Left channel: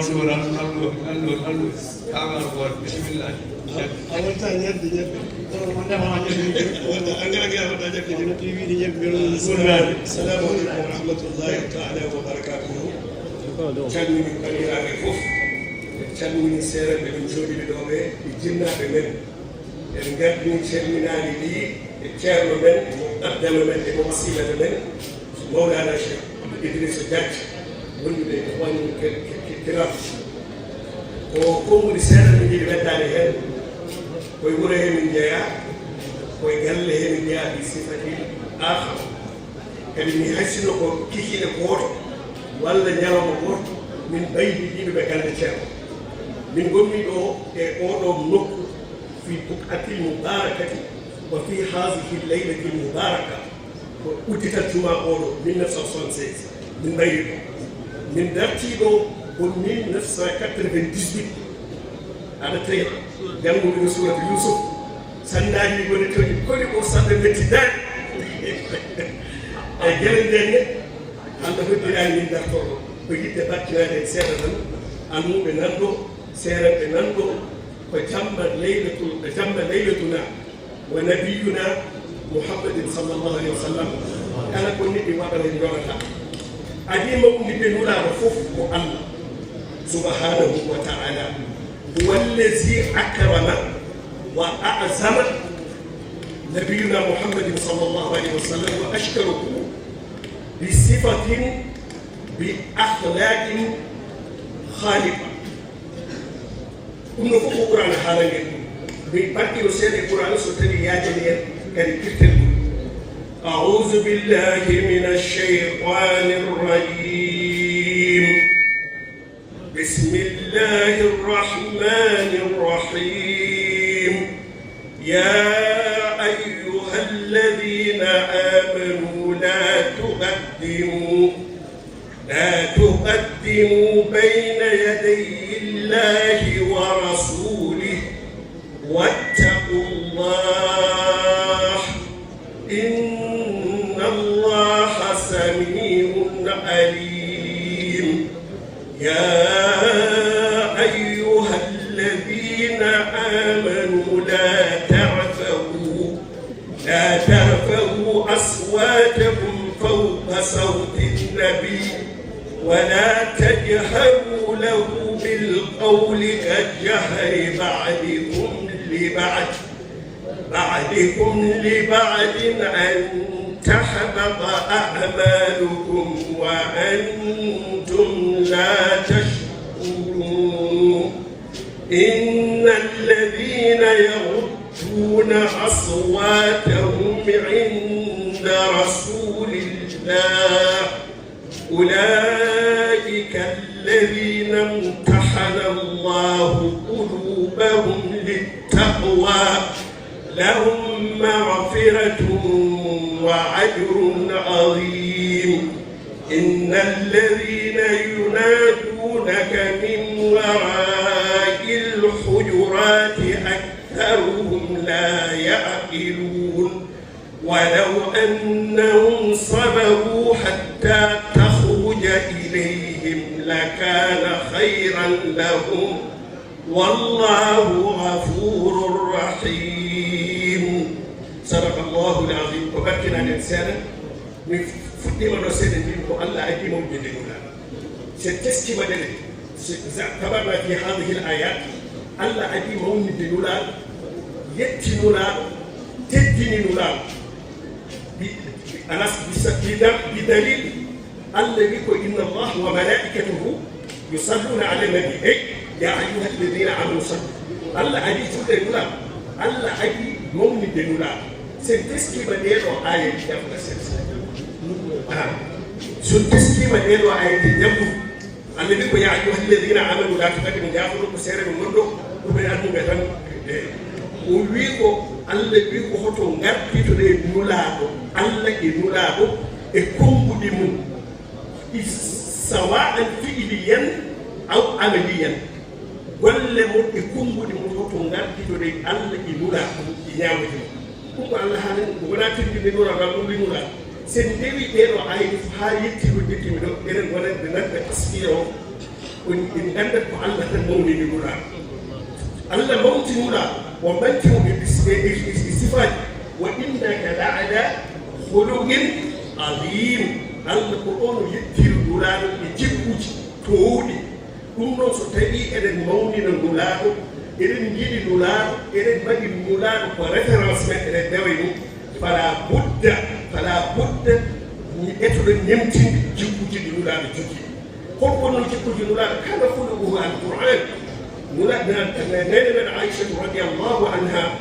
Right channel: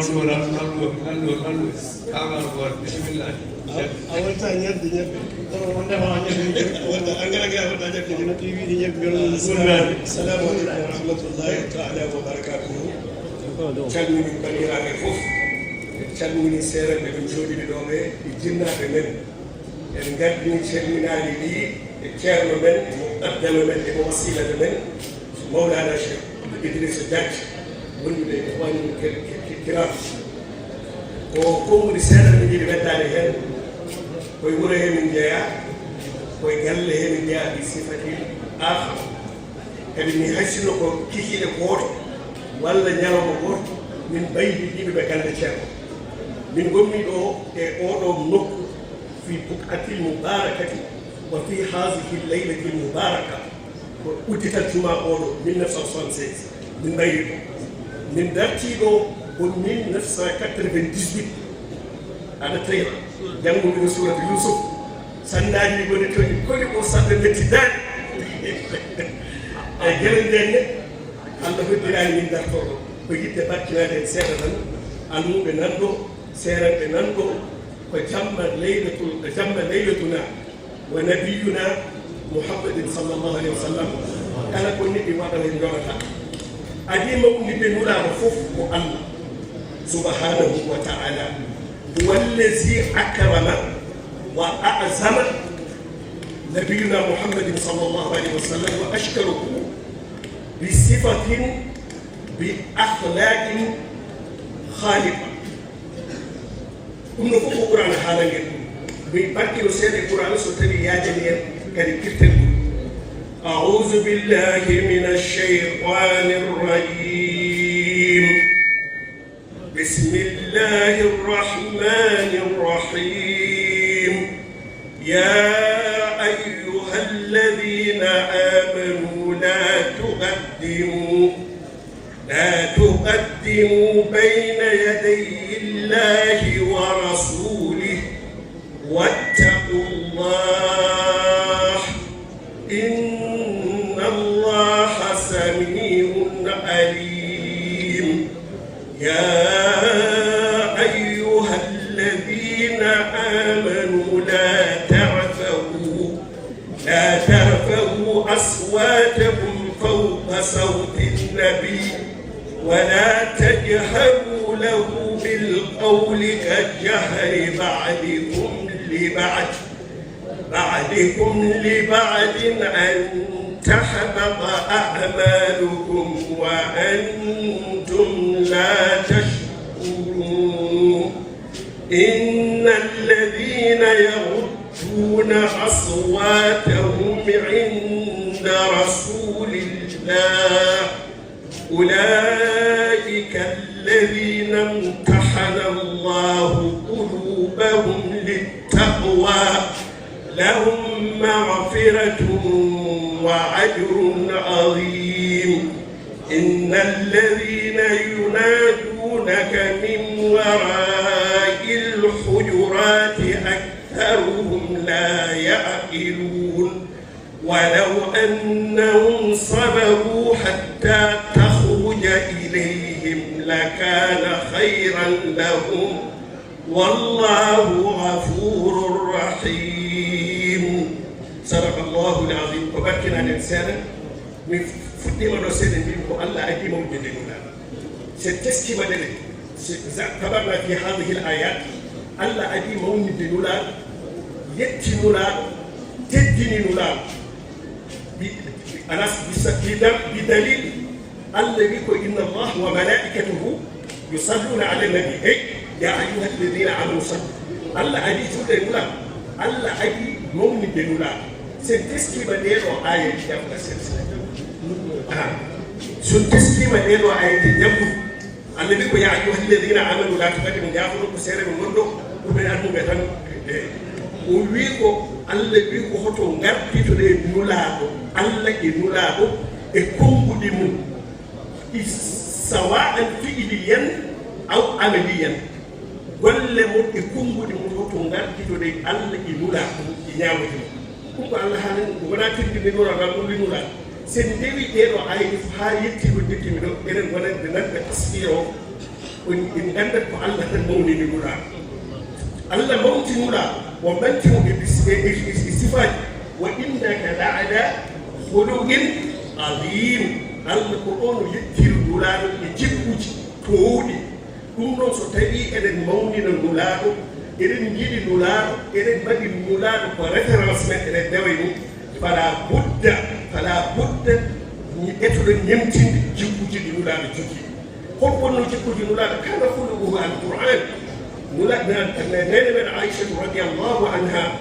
Mansour non amana ko bismillah awon ta ñen di ñen wonda ma wonda angara ga wonda jek ni TV ni ñen ngam assalamu alaykum wa rahmatullahi ta'ala wa barakatuh calmini bandiraɓe fof calmini seeranɓe ɗum jooɗiɓe ɗo ɓe jinnaɓe men eɓe gardini calminaji ɗi e ceerno men mo addama men e mo wasilaɓe men mawlana cheikh Idrissa Diagne wonduɓe ko wani kiraɓe o fomri seeɗa min jiɗi weddade hen koye wuuro he min jeeya koye galle he min jeeya ɗi sifati afa kadi mi haysino ko kikiɗe gooto walla ñawma goto min ɓaydi ɗiɗuɓe galde ceerno min gommi ɗo e oɗo nokku fi bukatil mubarakati wa fi hasihi leylatil mubaraka ko udditat juma oɗo 1976 min ɓaydi ɗo min dartiɗo ko 1998 aɗa tawi jannguɗo suratu Yusuf sannaji woni toñi koli o sadda mettidani e gueɗe ndenne Allah hoddirayi min dartoɗo ko yidde battinade e seeɗa tan almuɓe nanɗo seeranɓe nanɗo ko jamma leylatuna wa nabiyuna Muhammadin sallllahu alayhi wa sallam kala ko yiɗi waɗa hen yonata adima undi ɓe wulaɗo fof ko Allah subhanahu wa ta'ala huwa allazi akrama wa a'zama nabiyuna Muhammadin sallllahu alayhi wa sallam wa ashkarahu بصفة بأخلاق خالقة كنا فوق القرآن حاليا بالبركة وسيد القرآن سوتني يا جميع كريكتن أعوذ بالله من الشيطان الرجيم بسم الله الرحمن الرحيم يا أيها الذين آمنوا لا تقدموا بين يدي الله ورسوله واتقوا الله إن الله سميع عليم يا أيها الذين آمنوا لا ترفعوا أصواتكم فوق صوت النبي ولا تجهروا له بالقول كالجهر بعضكم لبعض أن تحبط أعمالكم وأنتم لا تشكرون إن الذين يغضون أصواتهم عند رسول الله أولئك الذين امتحن الله قلوبهم للتقوى لهم مغفرة وأجر عظيم إن الذين ينادونك من وراء الحجرات أكثرهم لا يعقلون ولو أنهم صبروا حتى تخرج إليهم لكان خيرا لهم والله غفور رحيم صدق الله العظيم وبكنا الإنسان من فتما رسول الله الله عديم وجدنا ستسكي مدني تبعنا في هذه الآيات الله عديم وجدنا يتنولا تدني نولا بدليل الذي إن الله وملائكته يصلون على النبي يا أيها الذين آمنوا صلوا الله أجي فدنولا الله أجي مؤمن دنولا سنتسكي بدير وآية سنتسكي بدير وآية الذي يا أيها الذين آمنوا لا تقدموا يأخذوا بسير من منه وبينهم بيتهم ويكو Allah wi ko hoto ngartitude nulaaɗo Allah e nulaaɗo e konguɗi mum sawa'an fi'liyan aw amaliyan golle mum e konguɗi mum hoto ngartitude Allah e nulaaɗo e ñaawata ɗum ko Allah haalani wona tirɗide noon ma ɗum nulaaɗo sen ndewi ɗeɗo ayni haa yetti ko jettimi ɗo eɗen wonande nanɓe taskiro إن أنت فعلت المولد المولى الله موت المولى ومنته بالصفات وإنك لعلى خلق عظيم القرآن يكثر المولى يجبج كوني كنون ستري إلى المولد المولى إلى الجيل المولى إلى البدء المولى ورفرنس إلى الدوام فلا بد يفعل يمتن جبج المولى تجي قرآن جبج المولى كان خلقه القرآن مولى من عائشة رضي الله عنها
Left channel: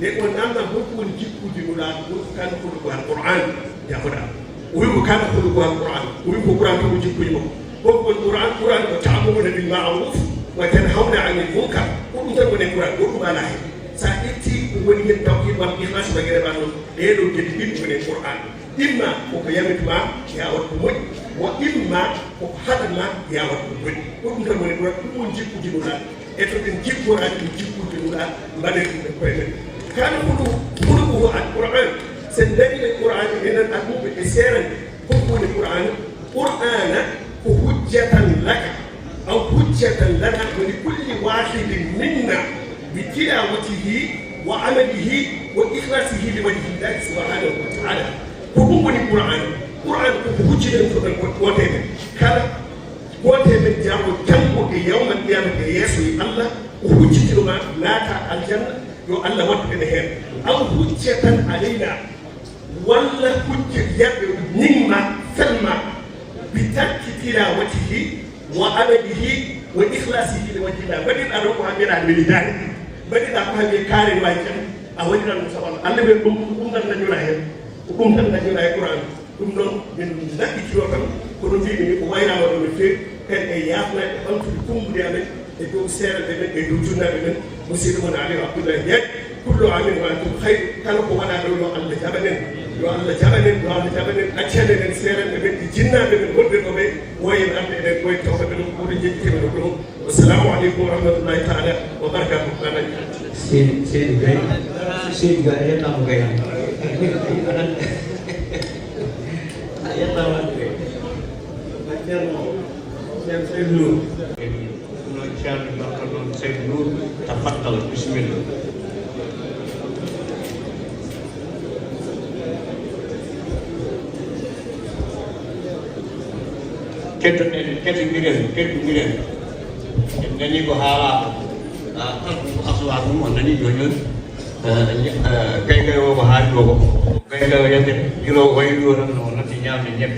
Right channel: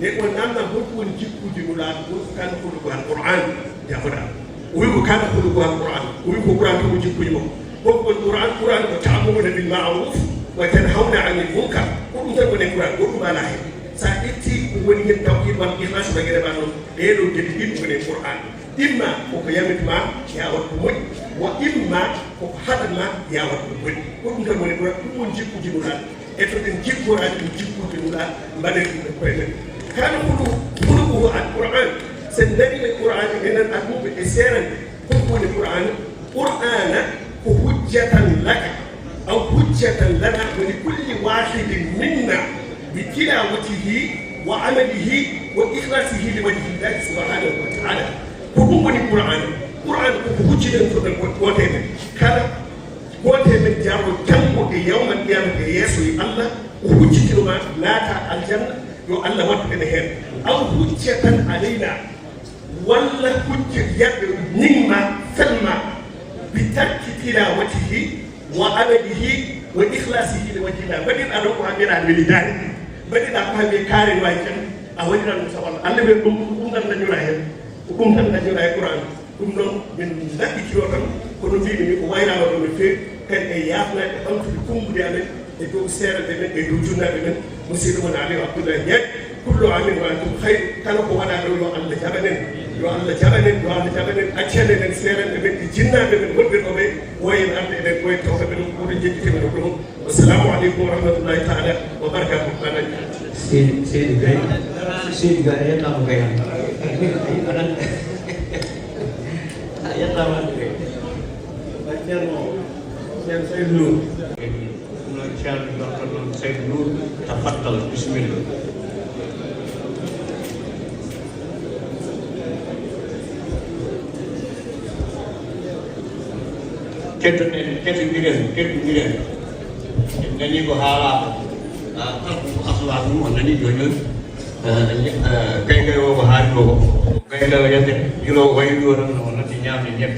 لأن أنا بقول جبج المولى كان خلقه القرآن يا فلان ويقول كان خلقه القرآن ويقول كان جبج المولى بقول القرآن وتعاملون بالمعروف وتنهون عن المنكر وكنت من القرآن وكما لا سأتي ولي التوحيد والإخلاص بغير بانون ليلو جديد من القرآن إما وكيانك ما يا وكمل وإما وحدنا يا وكمل وكنت من القرآن ونجيب جبنا إذا نجيب القرآن نجيب جبنا مالك القرآن كان كله القرآن سندري القرآن إن الأمور بالإسرائيل كله القرآن قرآن حجة لك أو حجة لنا ولكل واحد منا بتلاوته وعمله وإخلاصه لوجه الله سبحانه وتعالى. كل القرآن حجة وتمن كان وتمن جاو تنبو يوم القيامة يسمي الله حجة ما ناتا الجنة يو الله وتنهر أو حجة علينا ولا حجة يد نما سلمى بترك تلاوته وعمله وإخلاصه لوجه الله بدل أن نقع من الولدان بدل أن نقع كاري وايكري أوجنا نتوال أنا بقوم تنا جلاهي بقوم تنا جلاهي القرآن بقوم من ذاك الشيء كل شيء من قوينا وبنفسه كان يافنا أنت بقوم بديانه itu seera dene e dum junna dene musiru man ami abdullah yek kullu amin wa antum khayr kala ko wala do Allah jabanen yo Allah jabanen wa Allah jabanen accene den seera dene jinna dene wonbe no be way ande den koy tawta den ko jikki no ko assalamu alaykum wa rahmatullahi ta'ala wa barakatuh sey gay yalla mo gay yalla mo gay bacciamo sey Saya dulu tafadhal bismillah. Ketu biren. Nani ko hala asal agama nani donyon. Kaila wo hado. Kaila yete biro wayu ran na tinya nyep.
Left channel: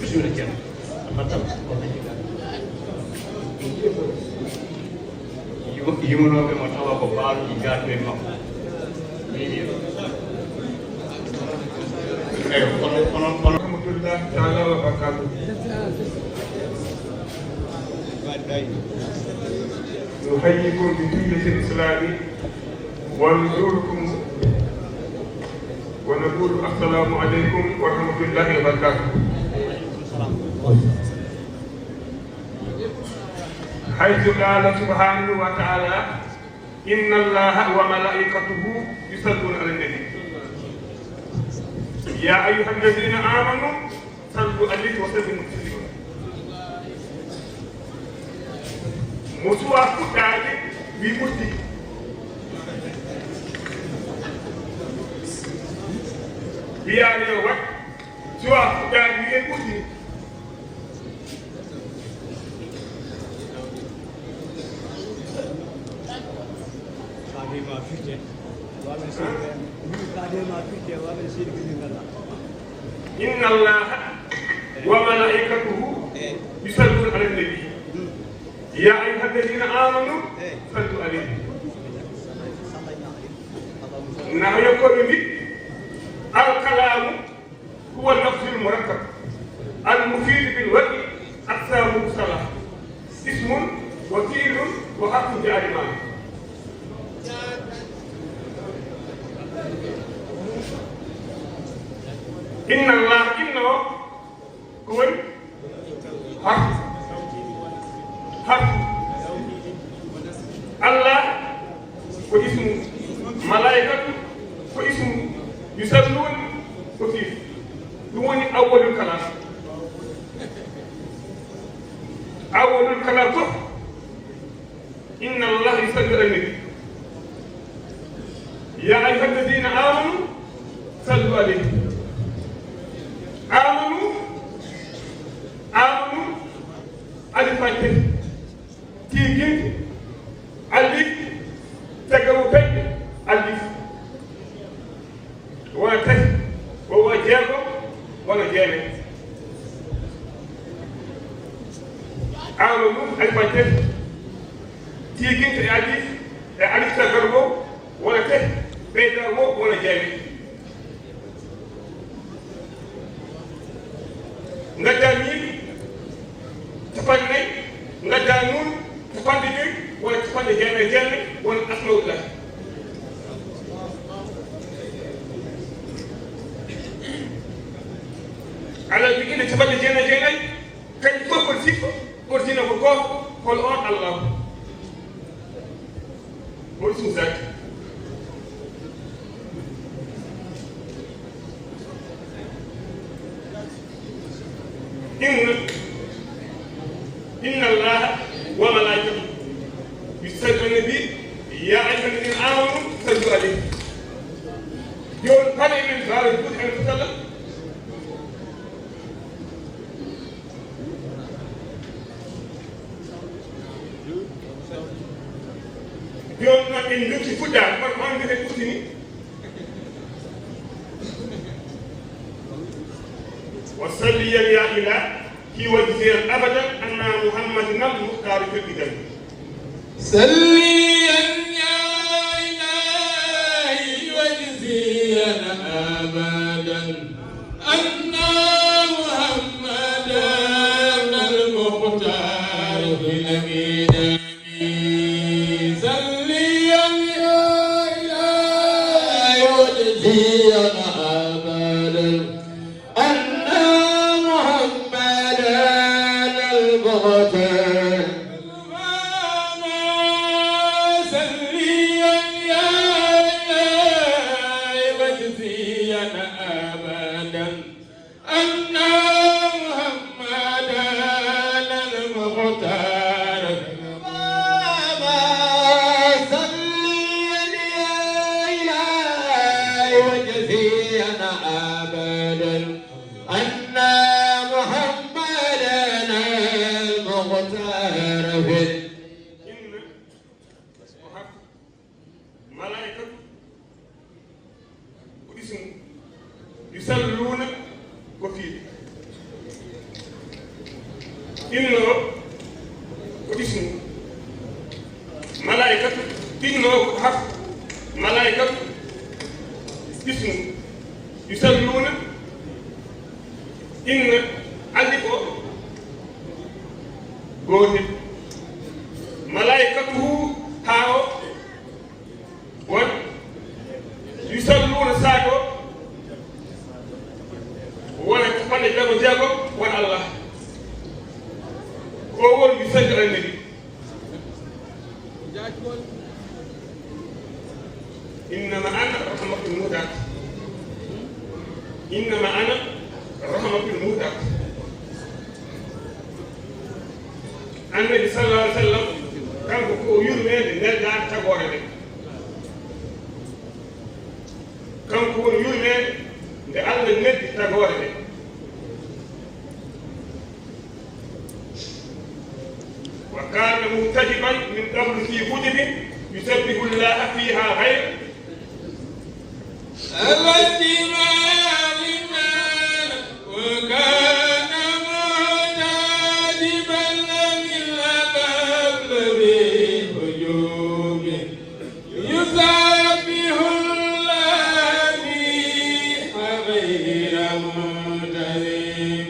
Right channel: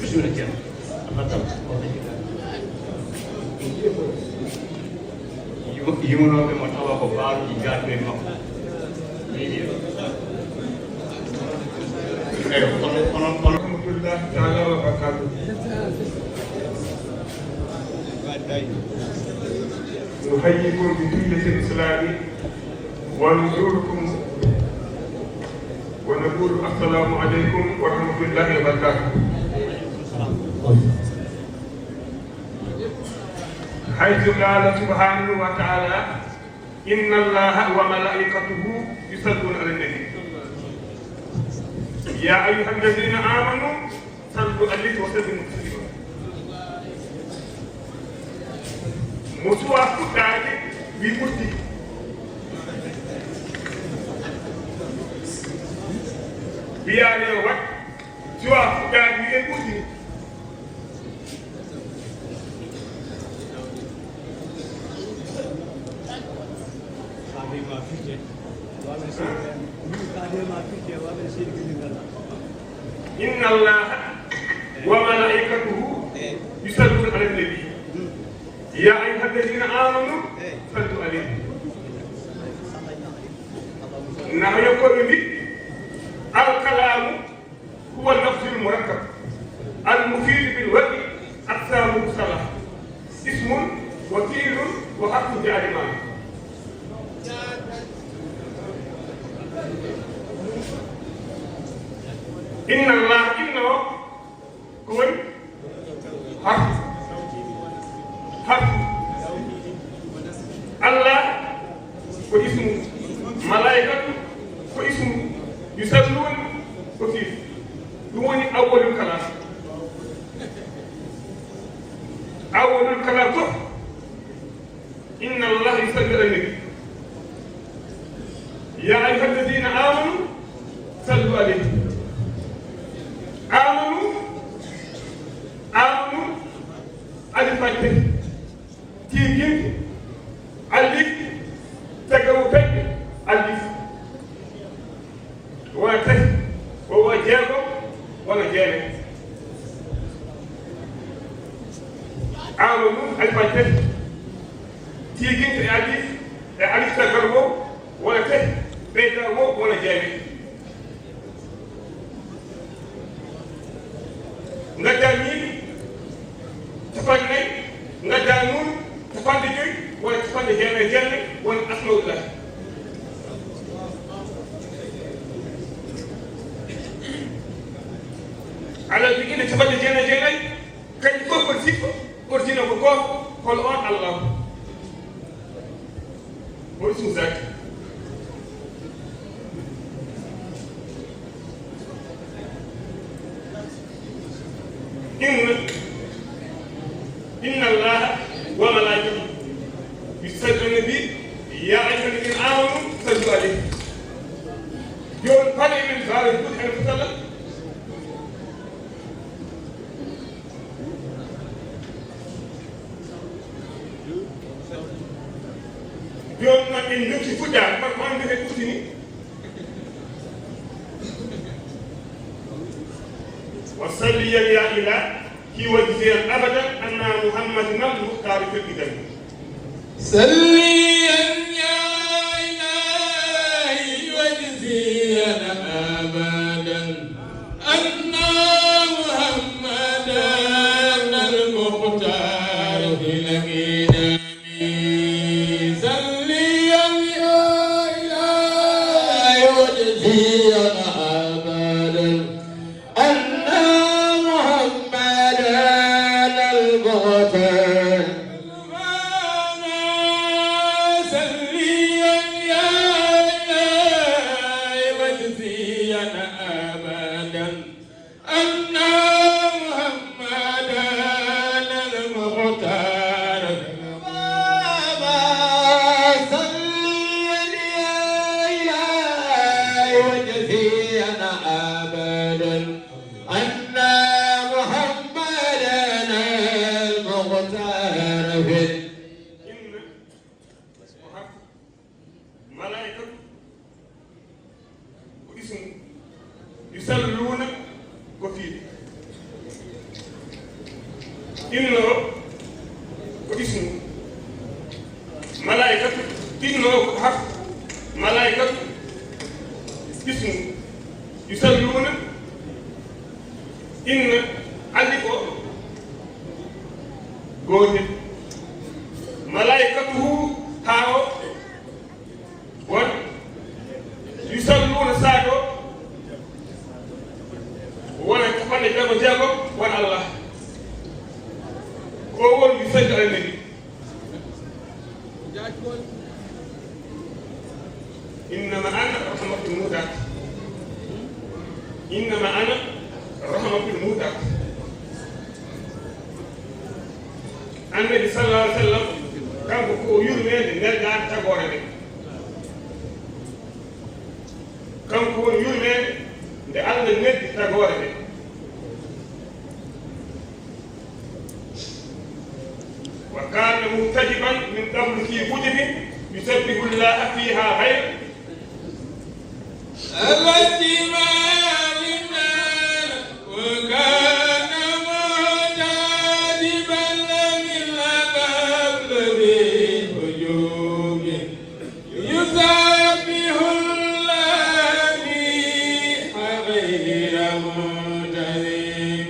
Bismillah. Yuno ke matawa ko baal ki jaate no ni alhamdulillah ta'ala wa barakatuh nuhayyikum bi diyyati al-islam wa nuzurkum wa naqulu assalamu alaykum wa rahmatullahi wa barakatuh حيث قال سبحانه وتعالى إن الله وملائكته يصلون على النبي يا أيها الذين آمنوا صلوا عليه وسلموا تسليما مسوى كتابي بمسلم بيا يوم سوى كتابي بمسلم إن الله وملائكته يصلون على النبي يا أيها الذين آمنوا صلوا عليه نحن يقول الكلام هو اللفظ المركب المفيد بالوجه أكثر مصطلح اسم وفيل وحرف جارمان إن الله إنه هو حق الله واسمه ملائكته واسمه يصلون وفيه هو أول الكلام awolul kala fof inna allaha yusalli ala nabi ya ayyuha alladina amanu sallu alayhi amanu alifate tigin alif tagawu tek alif wala tek wa jeego wala jeene amanu alifate tigin te alif tagawu wala tek ɓeydago wala jeene gadda ñiiɓi capanɗe nayi gadda nunu capanɗe joyi walla capanɗe jeelle wona asmaullahi ala jogiiɗe capanɗe jeenayi kañƴi fof kono sikko ordina ko gooto kono on Allah woni sumsaki inna allaha wa malaikatahu yusalluna nabi ya ayyuha alladhina amanu sallu alayhi joni fane min bawe buuti ala sallam joni noon en dokki fuɗɗade kono on mbiyete ustini wa salli ya ilah في وجهه أبدا أن محمد المختار في القدم سليا يا إلهي وجزيا أبدا أن محمدا المختار في القدم سليا يا إلهي وجزيا أبدا أن يسلون كثير إنه اسم ملائكة إنه حق ملائكة اسم يسلون إن ألف قوة ملائكته هاو يسلون ساكو ولا تفعل جابو جابو ولا الله هو يسجل النبي إنما أنا رحمة المهدى إنما أنا رحمة المهدى النبي صلى الله عليه وسلم كان يرمي لله تبارك كان يرمي لأن النبي تبارك وكان منتجبا من قبل في كتب يسبح الله فيها خير وكان منتجبا من قبل بوجوب يسبح الله فيها خير المنتجبين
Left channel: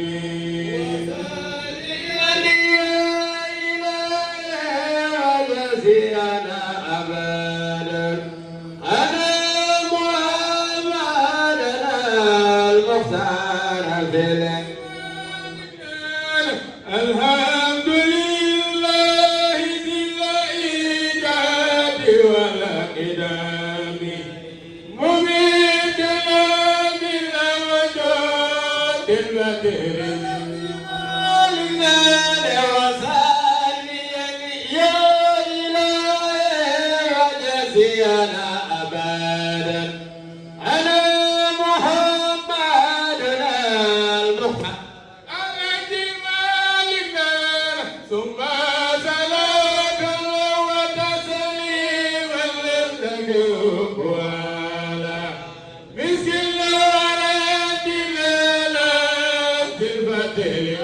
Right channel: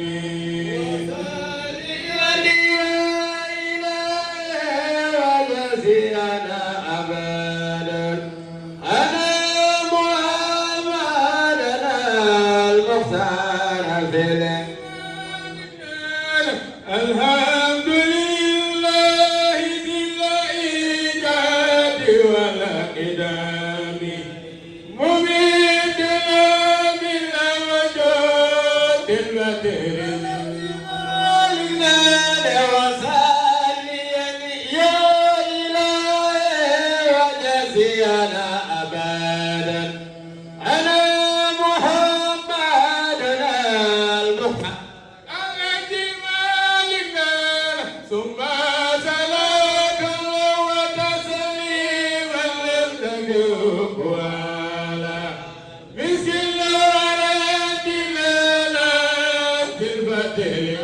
ثم صلاة وتسليما لم تجب ولا مسك الورد لا في البدر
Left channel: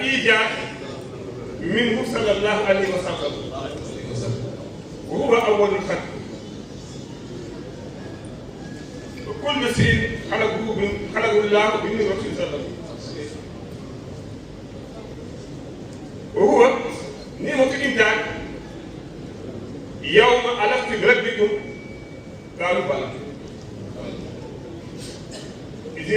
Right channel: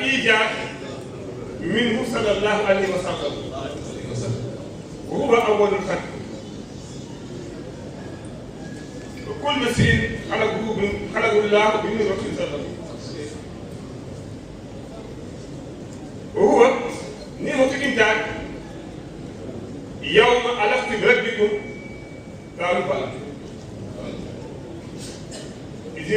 الإيجاد منه صلى الله عليه وسلم وهو أول الخلق وكل شيء خلقه الله بنور رسول صلى الله عليه وسلم وهو نعمة الإيجاد يوم ألست بربكم قالوا بلى إذ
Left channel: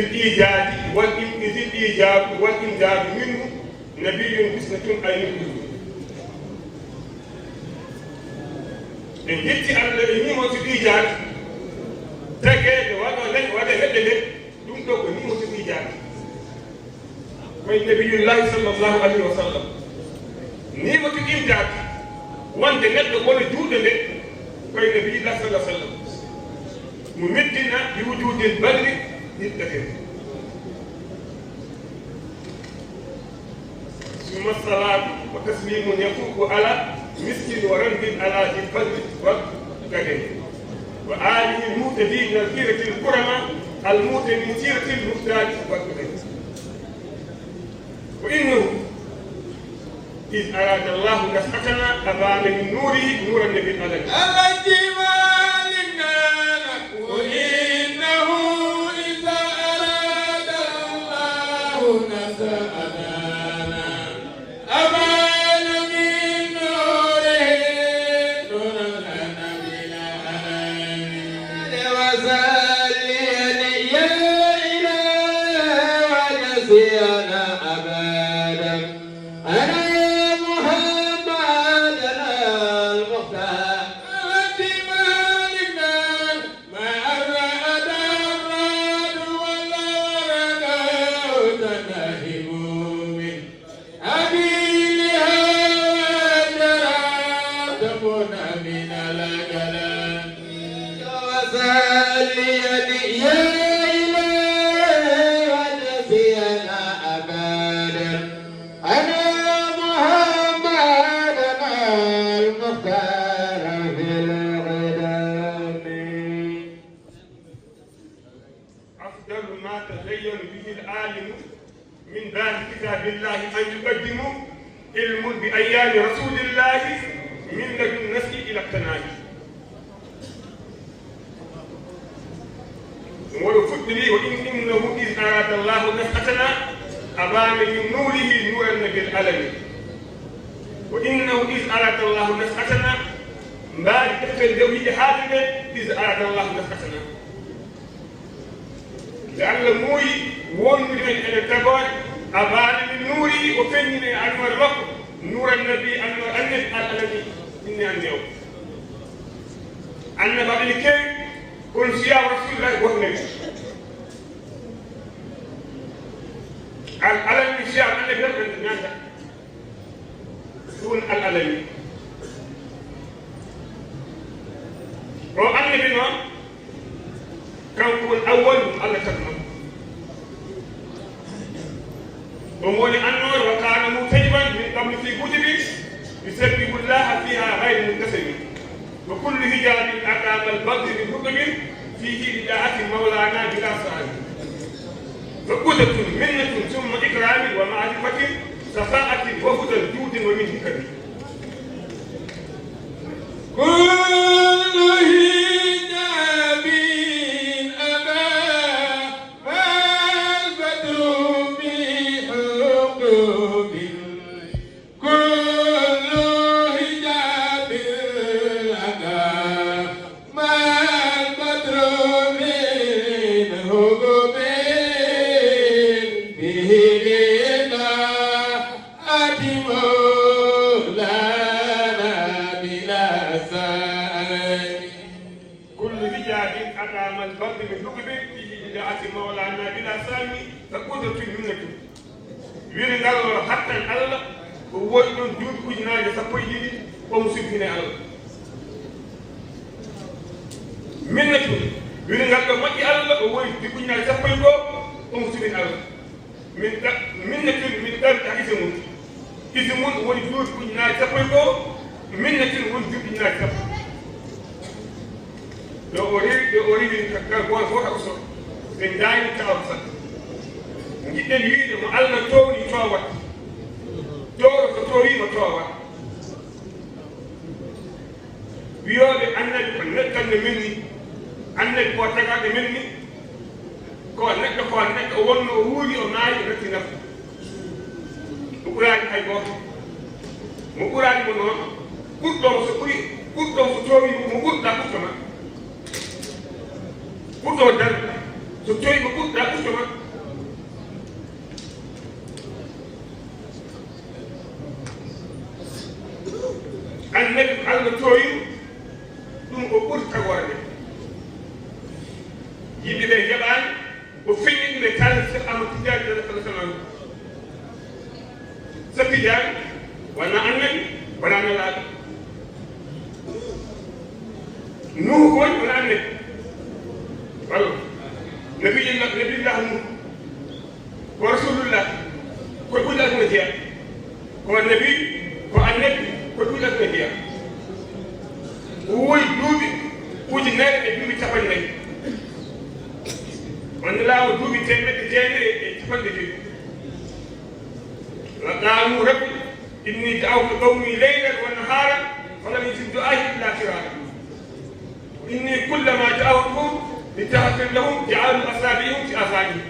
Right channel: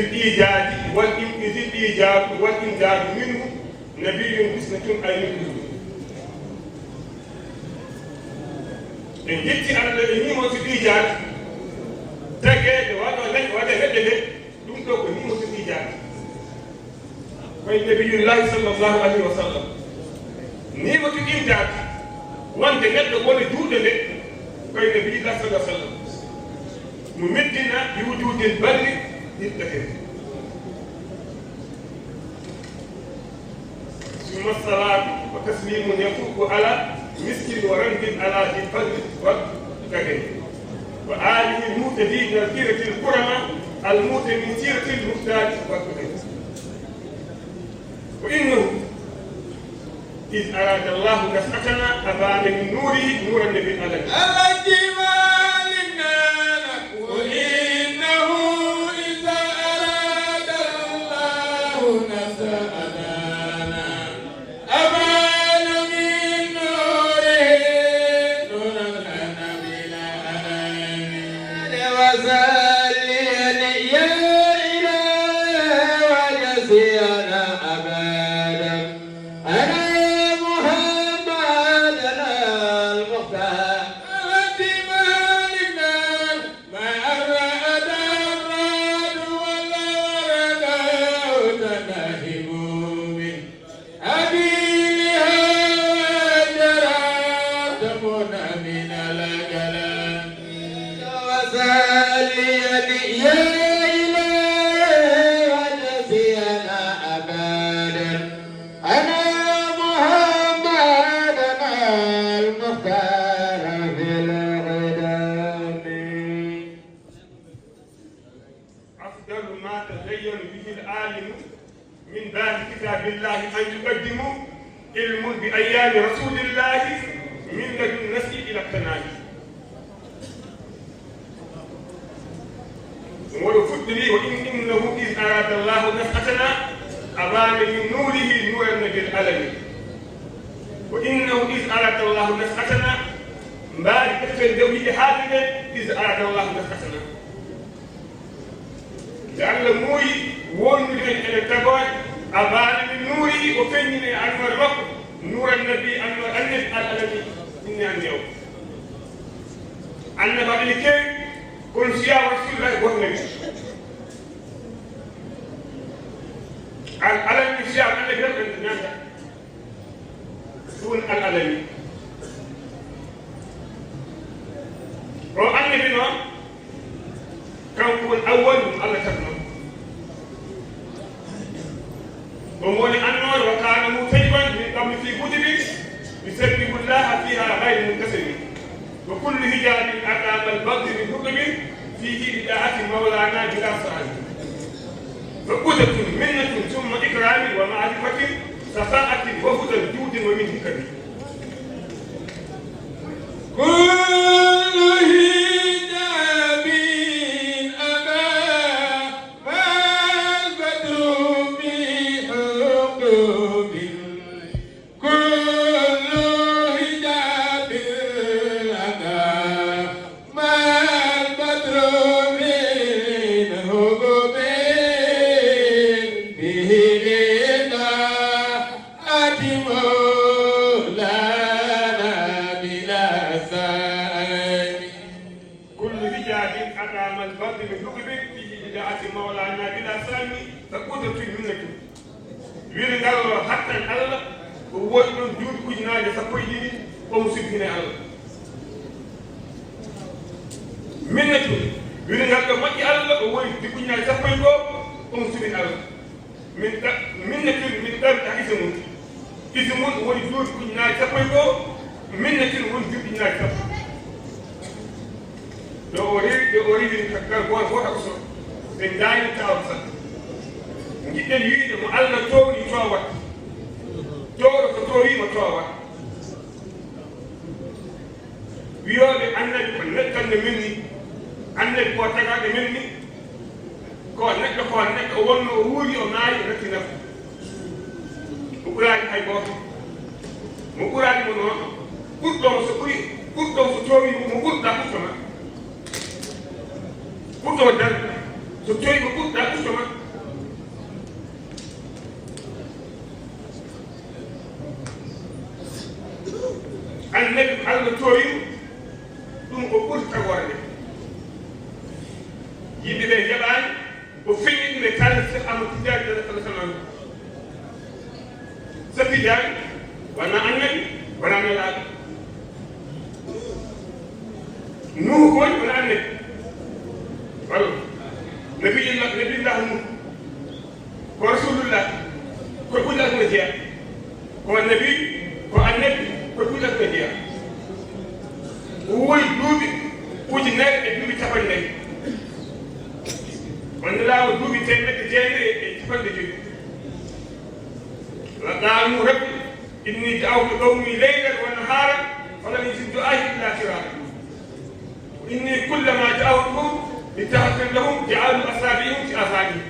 الإيجاد والإمداد منه نبي بسنة أي نبي إن جئت أن نعمة الإيجاد تجد وهذا ندلت تنكو نعمة الإيجاد والنبي الله صلى الله عليه وسلم نعمة الإمداد وأنت ندلت وأنا جودلت والنبي الله صلى الله عليه وسلم ممدنا بوجود البدر للتكليف ثم الصلاة وتسليم يفوق على مسك ورنب على الفرد والتكليف وآله المهتدي تذكيرة الكرماء المهتدي سيرة المحتاج والتكليف وإنه إذ أراد الله نفسنا أبان من نوره نور النبي عليه وإنه إذا أراد الله نزعنا أمان من نوره نور النبي العالمين وصلي يا إله ونسينا أبدا أنا محمد المختار من باب كتاب الله أن يقدم علم بأيام رسول الله من لدن النسي إلى التنادي ولو فضلي وإنه إذ أراد الله نفحتنا أبان من نوره نور النبي العالمي وإنه إذ أراد الله نفحتنا بعد تفكير ذوي حاجة إذ أراد الله نفحتنا لأن موي وون إلى الكبار أبان من نوري وفني أنور مكة نور النبي أنور النبي العالمي إني اليوم أن بعد الكي كل شيء رسول الله والنبي العالمي الشيء الذي يفهم الناس دون العالمي ومولي أنور وكان متيما من قبل في كتب يسبح الله فيها غير منكسر وكل هجاب أتى البدر من كتب فيه بداعة مولانا بلا سعي فقدة منة ثم إكرام ومعرفة سخاءة وهدى جود ومن ذكر حتى الله هو يوجد كجنا يسقيه ومسبحنا الله منك من هذا ما الله هو يوجد كجنا يسقيه ومسبحنا الله منك من ذلك اسمه اسمه هو يوجد كجنا يسقيه منك هو يوجد كجنا يسقيه لو أريد كذا واحد بداية تعبت جدا يريد ما الله توي توات توي توات بيود أنك نتكلم مني أنك قاتك مني قاتك أول أولي أماي رتنا مقرأ أي باب مقرأ منه كتب سكوي كتب سكوي مقرأ كتب كتب دل سكوي مقرأ كتب النبي على توي دون أقول كوارد يبي لي جبان وفي مكان سكان متجار ده كلام سفيدان وانا أنني وانا نلاقي نوح وانا أنني قالوا نبي الله ورسول الله كل الناس متيا والنبي والنبي كل الفدية هو يجوبي وجنات يجوبي تفني وأن لا يجوبي تيمة جاني تفني وقالوا ربي إني دعوت قومي ليلا ونهارا فلم يجد دعائي إلا فرارا إني كلما دعوتهم لتغفر لهم جعلوا أصابعهم في آذانهم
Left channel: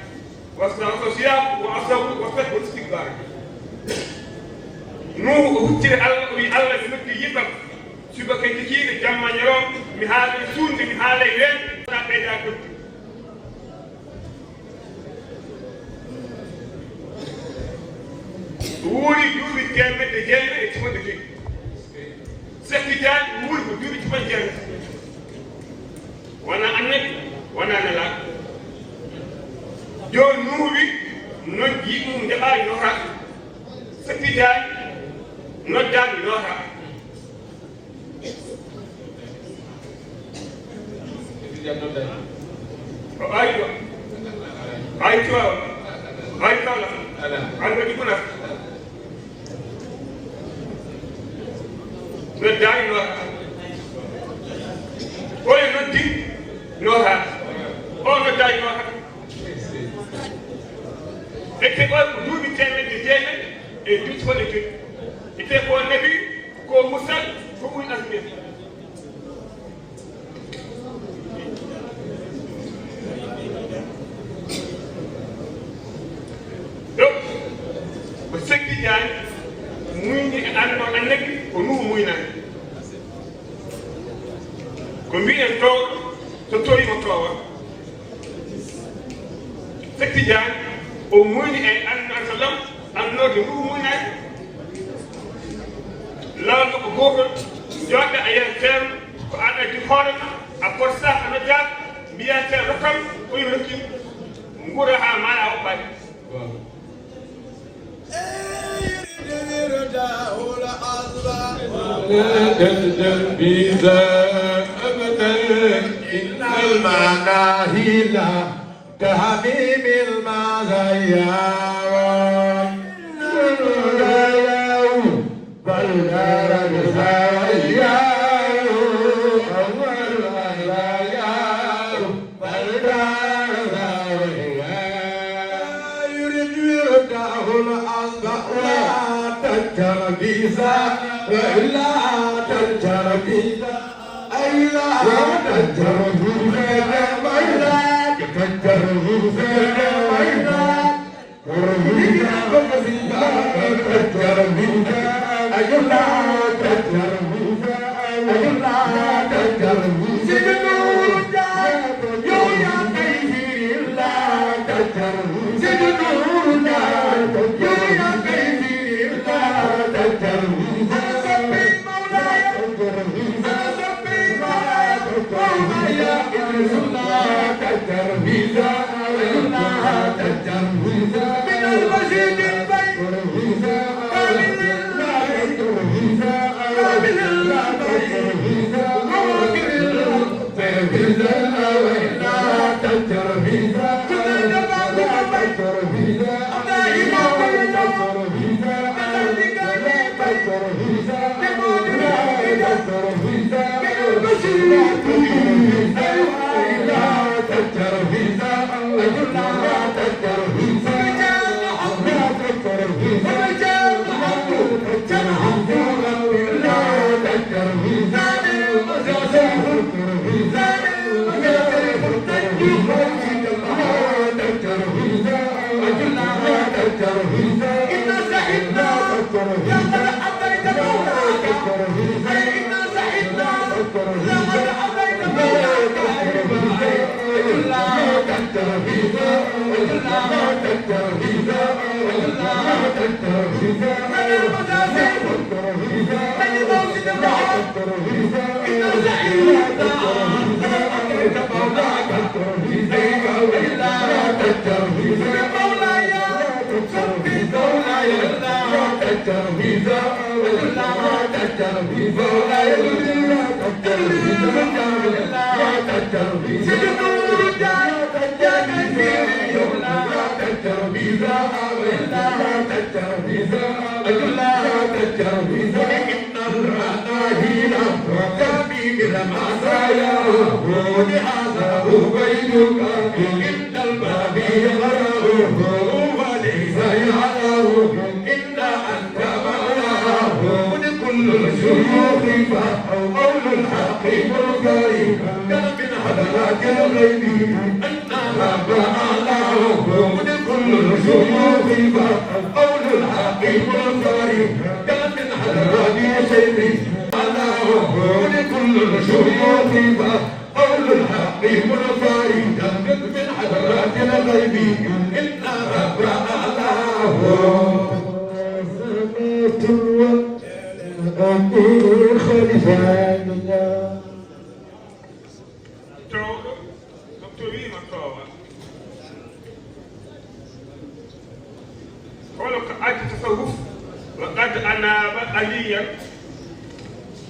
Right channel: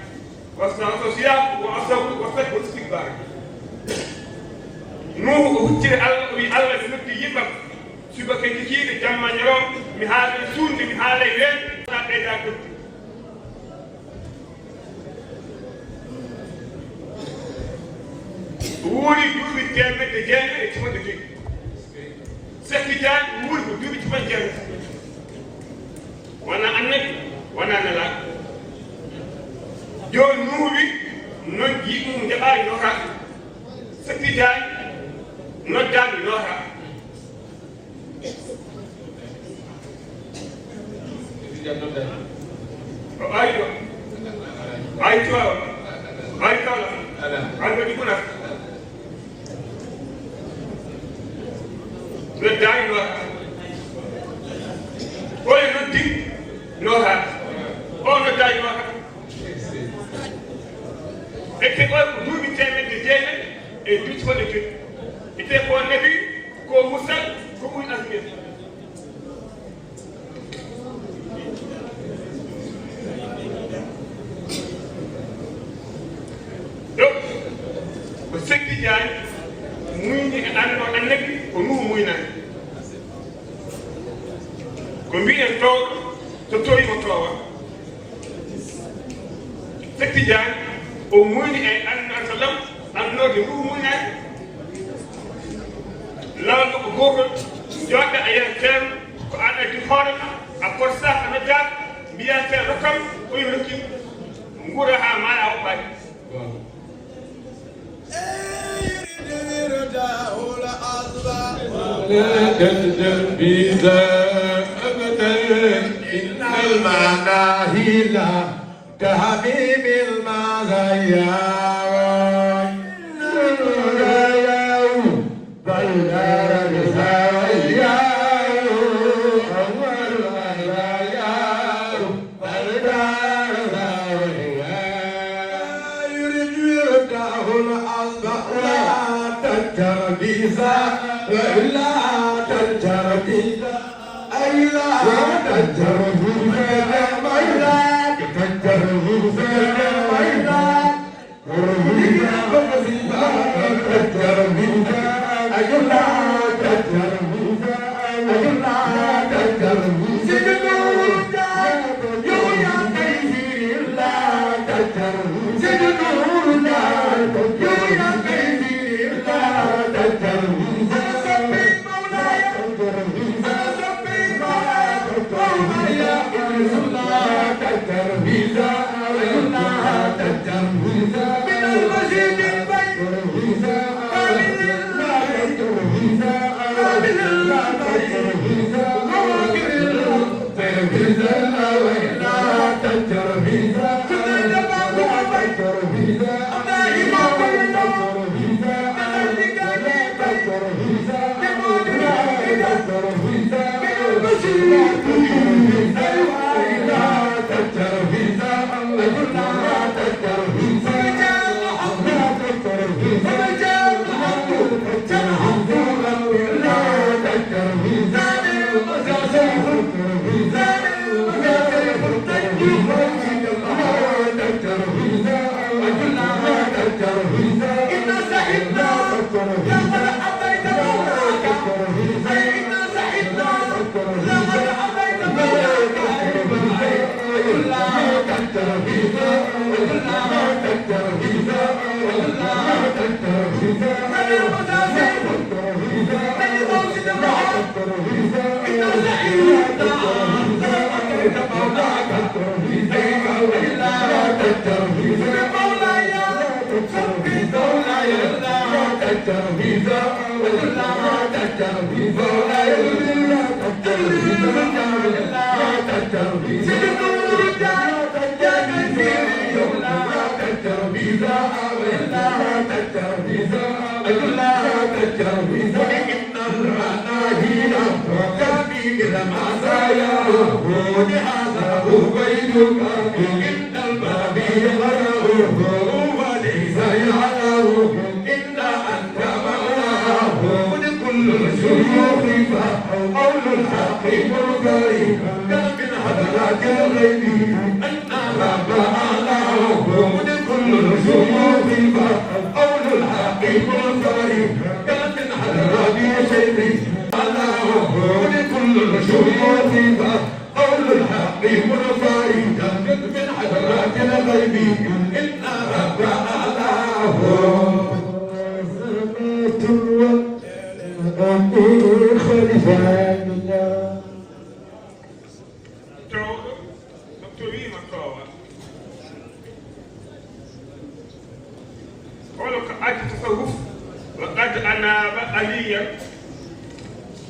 واستغفروا الصيام وأصروا واستكبروا استكبارا نوح وكتير الله يلقي يبقى شبه كتير جمع يوم مهال سون مهال يلين لا تجاهل ووري دوبي تيمة تجاهل يتفضل كي سفيدان ووري دوبي تفجر وانا أنك وانا نلا يوم نوري نجيب من دعاء نوح سفيدان نودان نوحا أيوة أيوة أيوة أيوة يقولك نودان نوحا ولا نودي نوحا أو نودان نوحا اتفاق دودي تيمة تجينا ادوت فلكي ite ko nabi ko musa ko muy asmir donc ko sekki jaan muy ni anno annabi ko ru muy nan ko mbiyen to to tori mo to sekki jaan o muy ni e anno sallam anno ru muy nan لما بقول جاب أيام وأنا في حالة أقول صح مجال بيأتي رقم ويهرب نقولها ما له حل. لا تندم إذا أبدا إن المناهي لا تهدي بالمغيار بيزا وإلا تجر بيزا أيلا تجر بيزا وإلا تجر بيزا وإلا تجر بيزا أيلا تجر بيزا أيلا تجر بيزا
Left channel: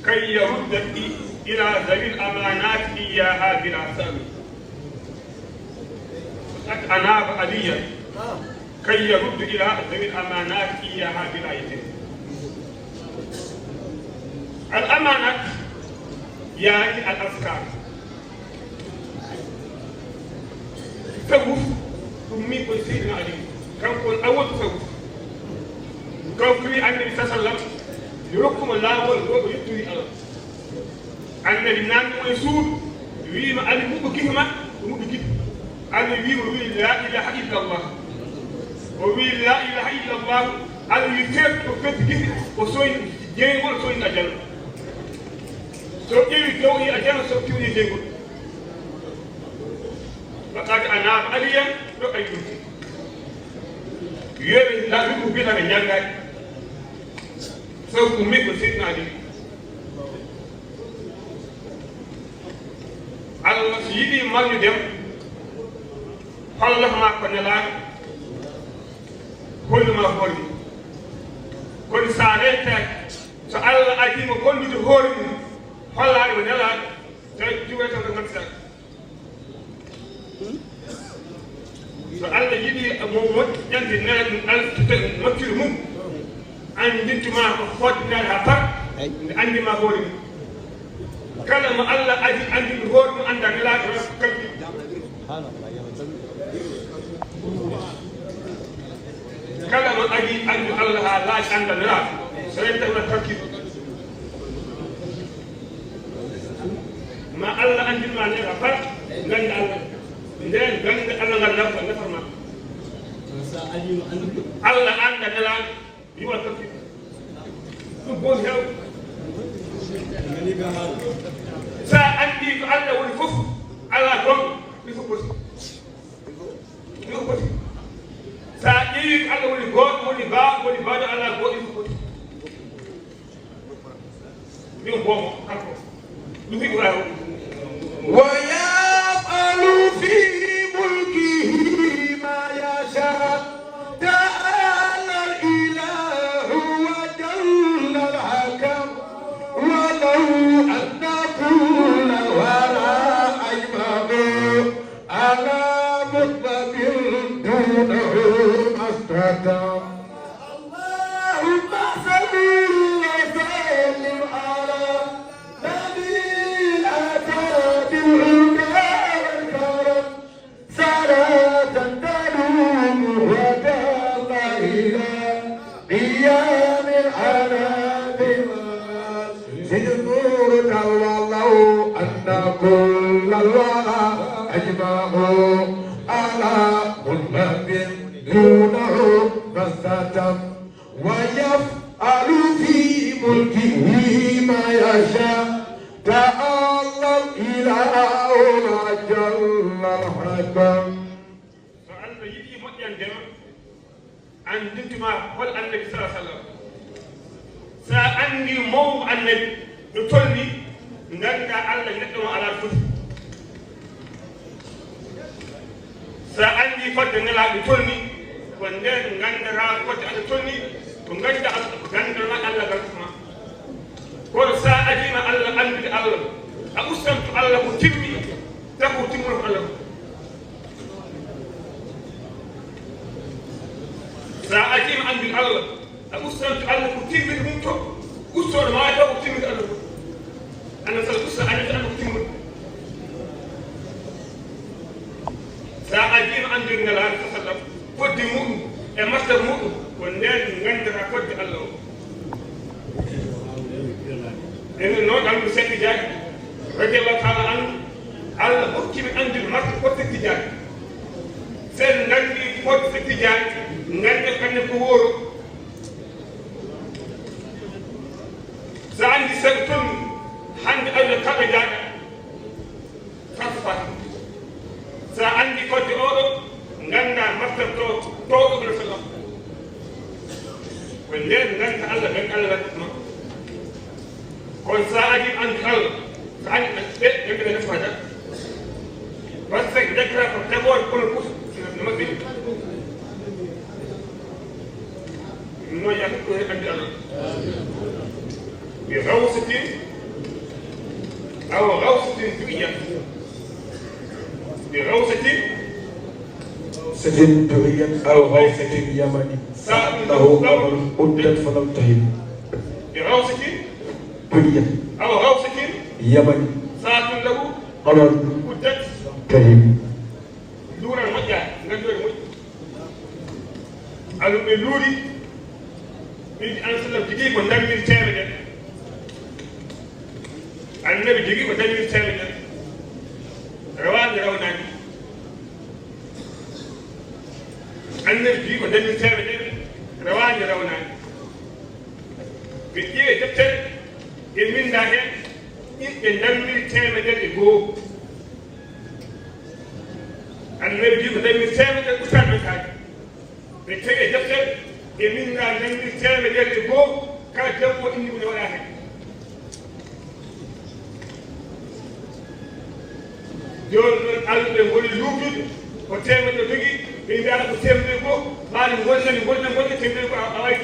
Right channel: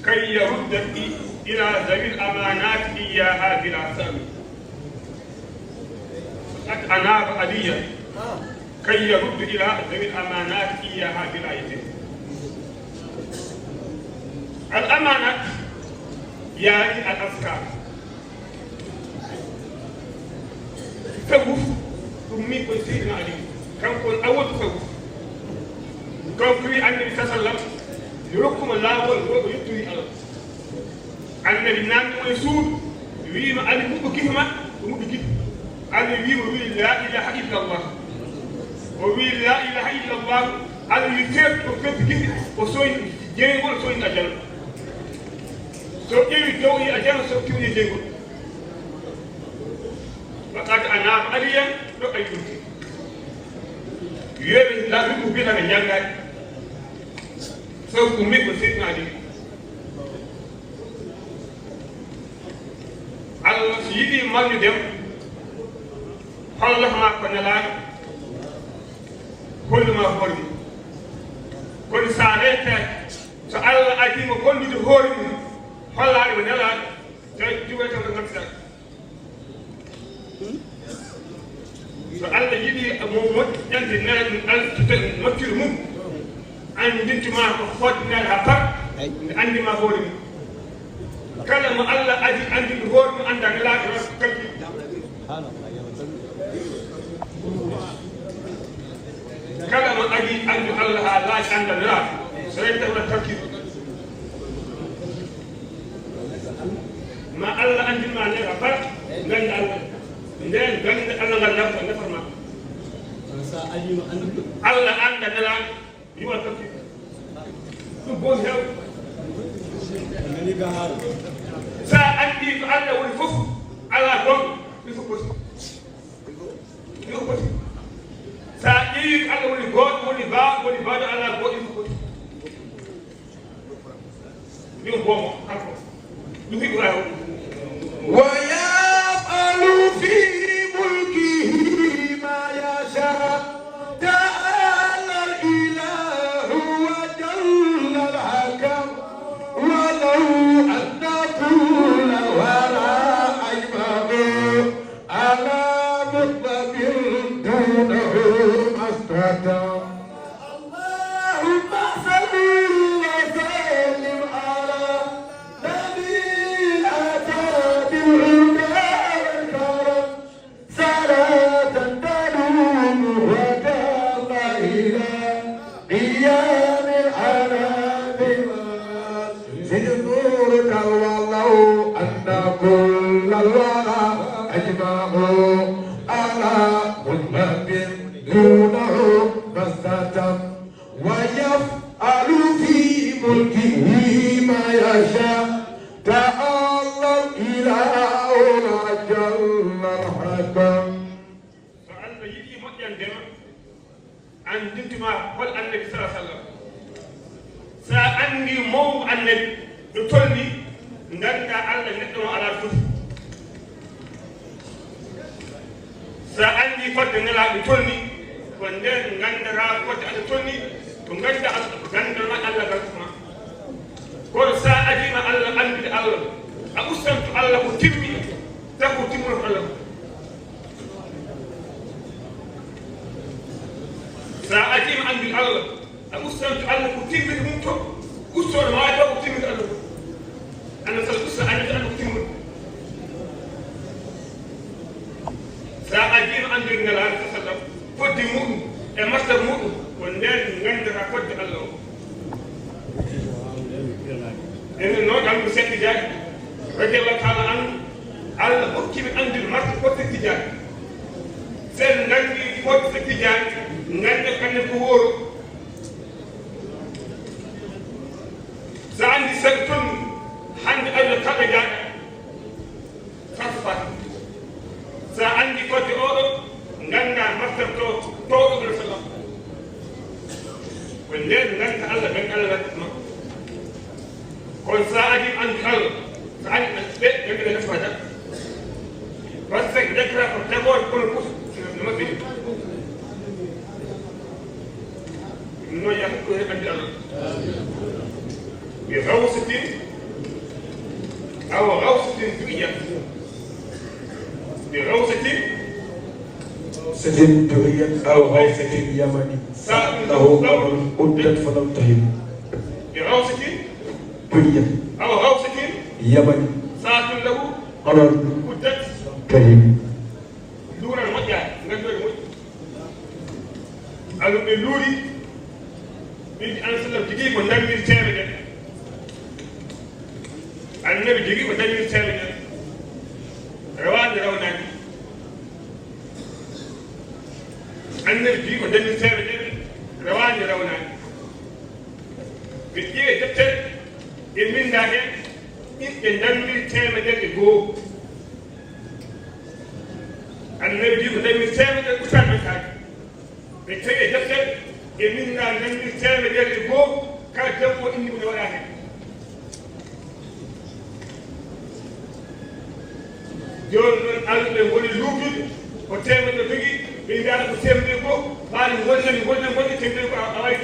كي يرد إلى ذوي الأمانات إياها بلا ثمن. قد أناب عليا كي يرد إلى ذوي الأمانات إياها بلا ثمن. الأمانات يعني الأذكار. تصوف أمي كنسي عليه كم كن أول تصوف كم في النبي صلى الله عليه وسلم يحكم الله ويطوي الله النبي نان يسوع ويما المك كلمة ومك جد النبي وي لا إله إلا الله وي لا إله إلا الله الويتر وكت جد وسوي جاي وسوي أجل سو كيف توي أجل سو كيف جاي فقد أنا عليا رأيتي يرى لا يدو كذا بجنة سو كمي بسيطنا عليه على سيدي ما ندم الله ما كنلاك كل ما قل كل ساعتك سأل أجيب كل جهور فلا ونلاك جوة الرمسة فالله يجي أبو بكر ينزل الألف مكرهم أن يجي ما قفوتنا هكذا عندي ما قولي كلام الله أجي عندي ظهور عند الله كذي كلام أجي عند الله لا عند الله سيدنا ولا تركيز ما الله عندي ما لنا فات غند الله لين غند انا لا نفر ما الله عندنا لا يبقى تركيز تقول هو سأني الله والكفر الله قم يفكر سأني الله والغور والباب والباب الله قم يفكر يوم بوم ويفعل في ملكه ما يشاء تعالى الإله وجل الحكم ولو أن كل الورى أجمعوا على مطلب دونه ما استتم اللهم صل وسلم على نبينا بالهدى والكرم صلاة تدوم وتبقى إلى قيام العالم سجنور والله أن كل الورى أجمعوا على مطلب دونه ما استتم ويفعل في ملكه ما يشاء تعالى الإله وجل الحكم. فأنت يجي مكان جمع عن جمع قل النبي صلى الله عليه وسلم سأني مو النبي يطلني نلقى الله يدعو على الفتح سأني فتح نلا يطلني ونن نندرا فتح يطلني ونجد نندرا الله كرسما ko sa adina Allah andi Allah amustam Allah ko timmi tabu timro Allah sa adina andi Allah amustam Allah ko timmi dum to kusor ma ko timmi Allah ana sa kusa adina ko timmi sa adina andi Allah sallallahu ko dimu e makka mu ko nden ngandira ko di Allah إنه نوع عن مسك جاك رجل الله تعالى عنه على أكيد عند المرء وقت جاك سن نجي وقت جاك نجي كان يقول سعندي سكتون عند أجل كم جاك فاسفا سعندي وقت أورو نجا مكتب تو برسالة والليل نجا الله نجا الله kon sa'adi an kal sa'adi an set yadda na fada ba sai da kira ka ta gowar kuma ku da mabi no ya ko ne kan Allah bi rawsatin aw rawsatin dunya bi rawsatin سجن دنيا أو غيث اليمن له أمر أدت فلم تهن بروسة دنيا أو غوثة يمن ساعة له أمر أدت كريم دون المجال نجوى المجال ألو بلوري من أنسل الجديد ونجم التالي النبي الجديد ونجم التالي روان روان النبي ودم التالي روان روان بيجي جبت المين ده يدم التالي ده يجو النبي ودم التالي ده كسر مكان بيجي جبت المين ده دم التالي ده يجو كان جبوا إني من وراء يوم الألف ولا يوبي وتعمل تدقي إن جاء بسيم نبو بعد وزن تنبو أوايك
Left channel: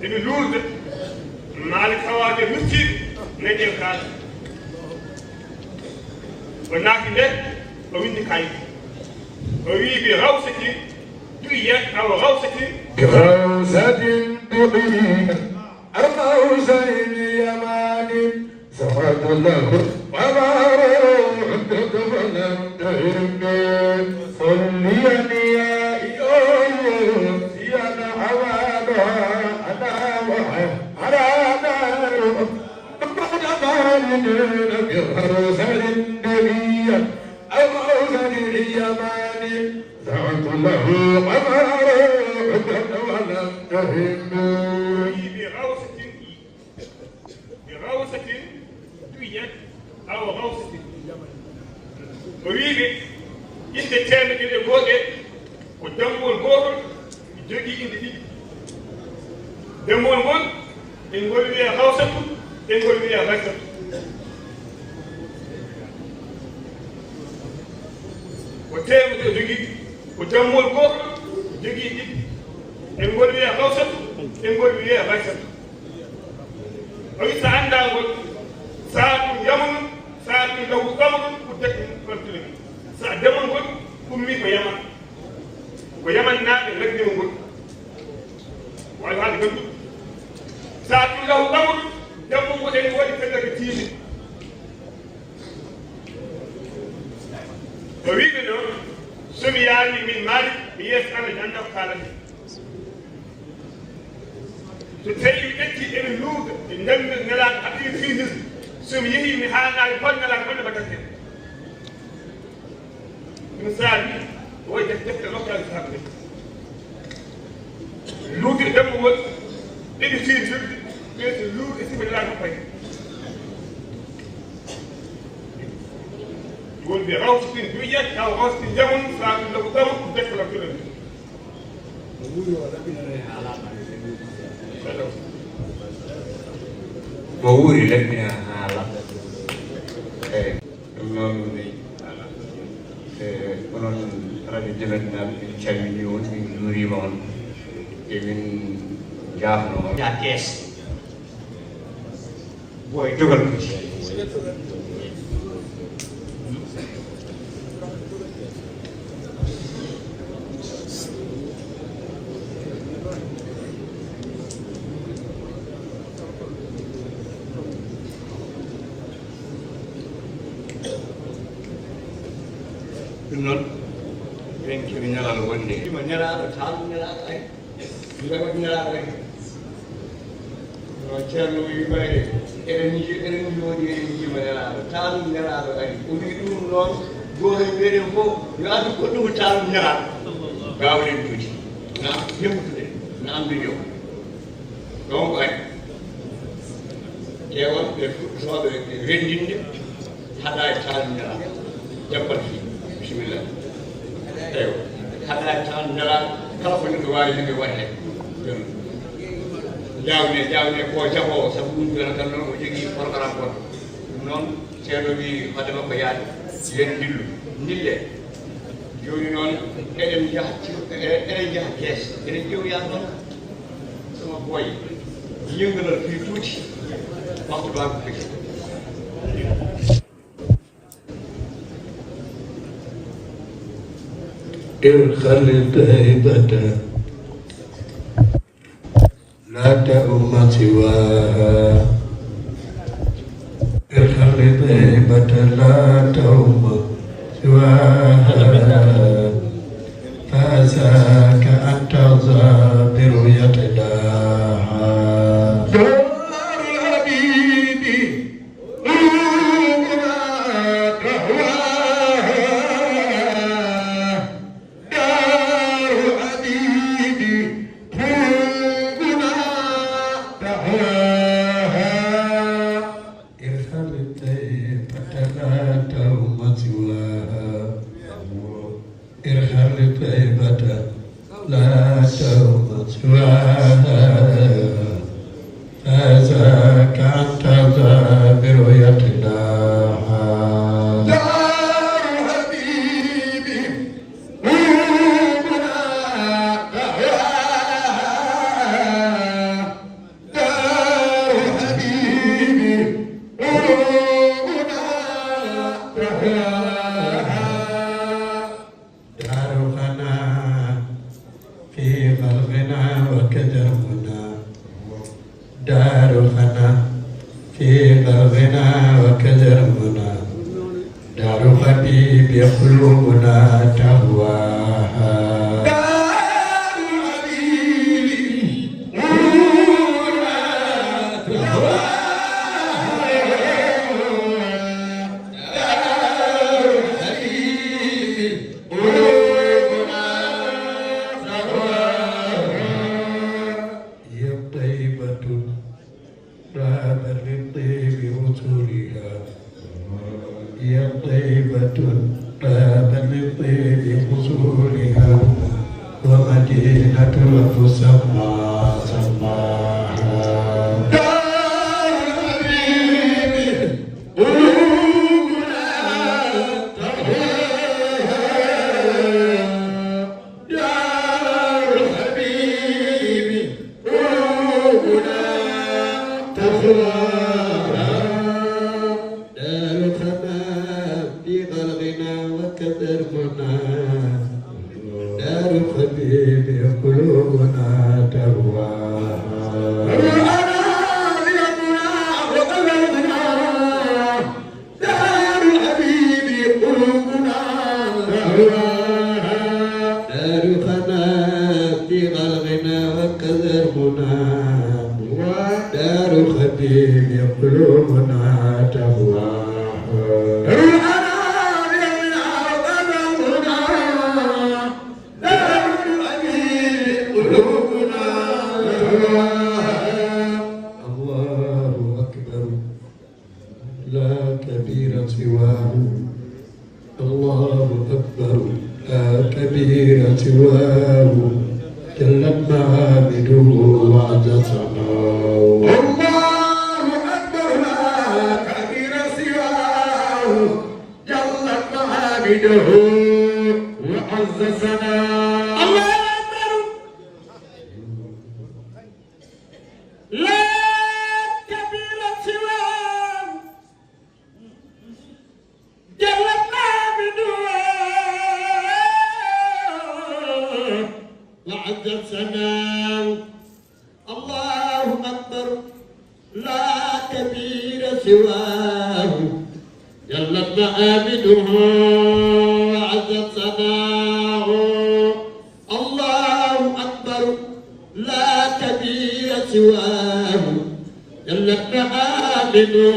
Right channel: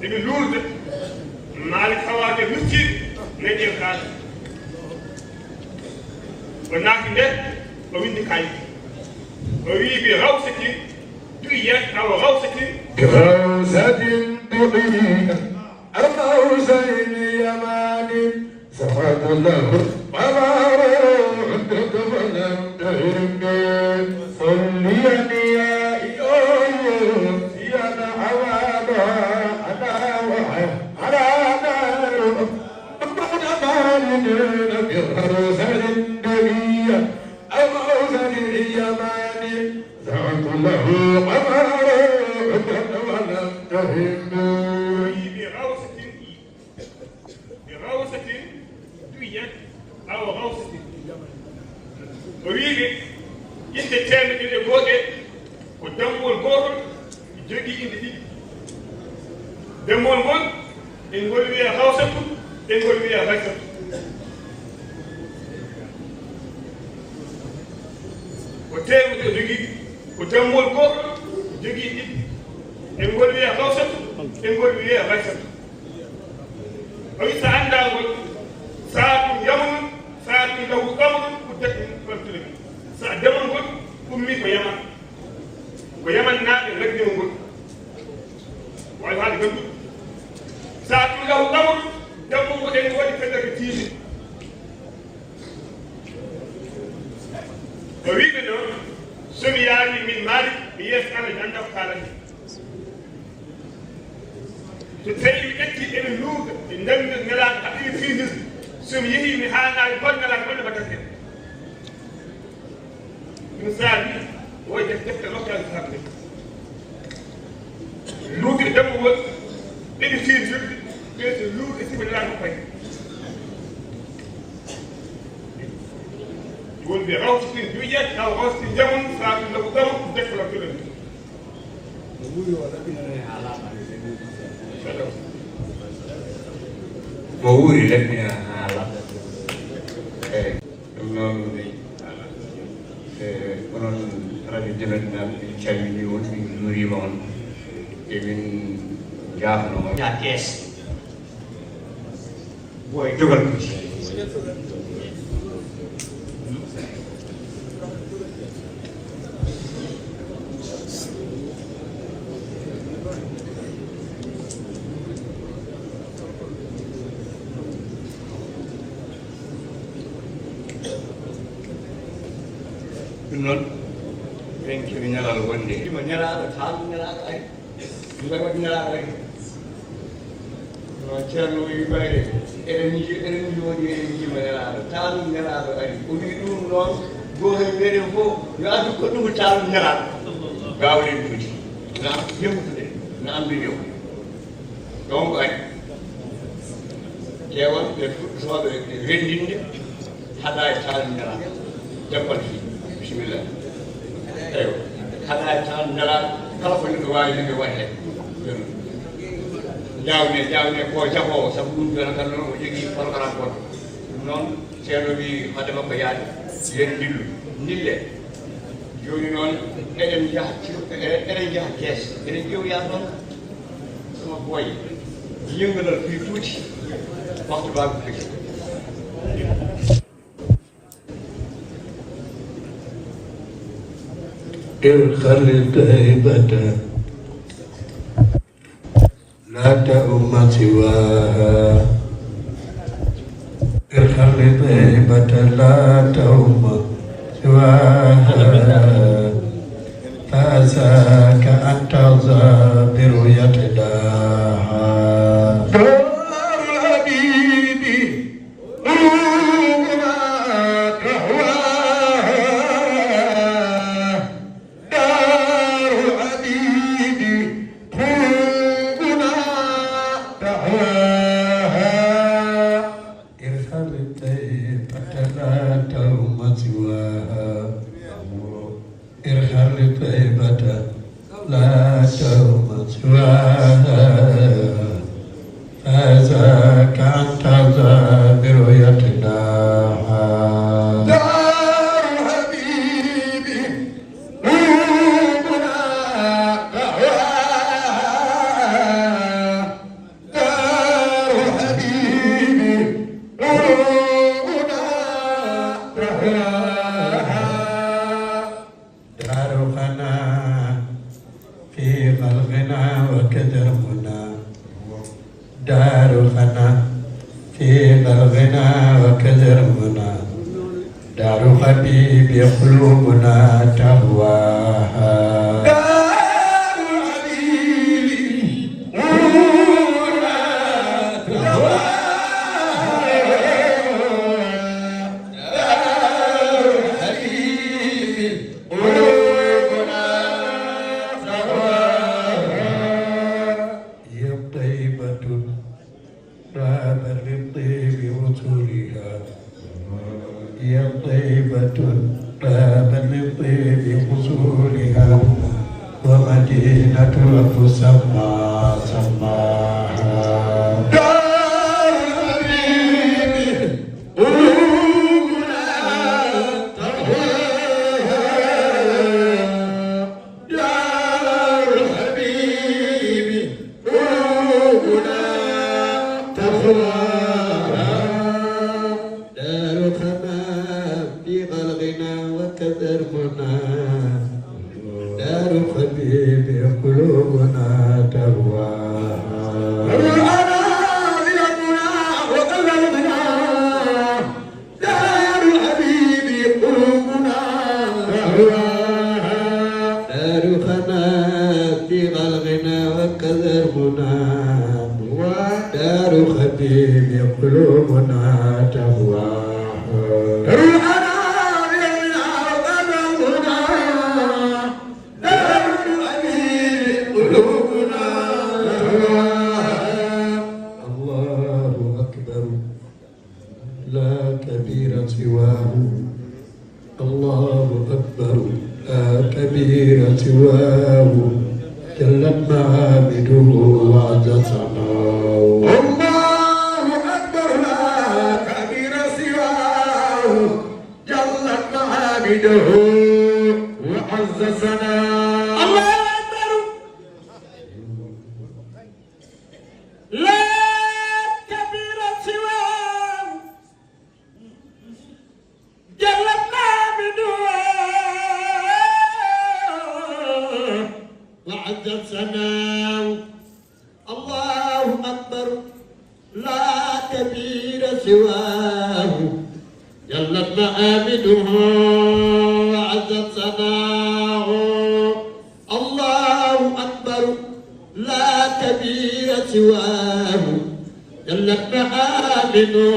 يقولون مع الحوادث نجي نجي الكلام والناس ده ومين ذكاي ويجي روسك بيا أو روسك روسة دقيقة أربع زين يماني سبحان الله عندك فلم تهرني صلي يا إله يا محمد الخلق هيبة لا تؤم سواها الخلق هيبة لا تؤم سواها فعساك أن تغزى برؤية داها دار حبيبي قلوبنا تهواها دار حبيبي قلوبنا تهواها ارحل الطيبة لا تروم سواها ارحل الطيبة لا تروم سواها هذاك أن ترضى برؤيتنا دار حبيبي قلوبنا تهواها دار حبيبي قلوبنا تهواها دار غنى في الغنى وكدرنا دار الخنا في الغنى وكلامنا دار حبيب قلوبنا تهواها دار حبيب قلوبنا تهواها لطيب وصولها يا طيبة طاب لطيب وصولها ومدينة تسمى سماها دار الحبيب قلوبنا دار الحبيب قلوبنا دار خمام في غرغنا وكدربنا دار خبيب قلوبنا تهواها دار الحبيب قلوبنا تهواها دار خمام في غرغنا وكدربنا دار خبيب قلوبنا تهواها الله أكبر لا كبير سواه الله أكبر لا كبير سواه جلت محامده وعد سماه الله أكبر لا كبير سواه جلت محامده وعز سماه الله أكبر لا كبير سواه جلت محامده وعز سماه الله أكبر لا كبير سواه جلت مآبده وعز سماه الله أكبر لا كبير سواه جلت مآبده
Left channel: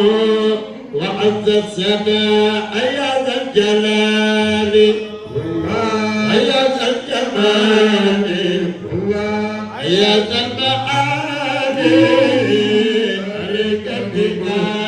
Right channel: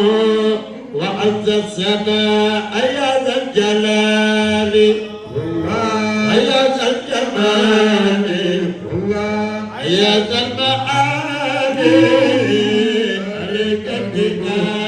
وعز السماء يا ذا الجلال يا ذا الجمال يا ذا المعالي عليك التكال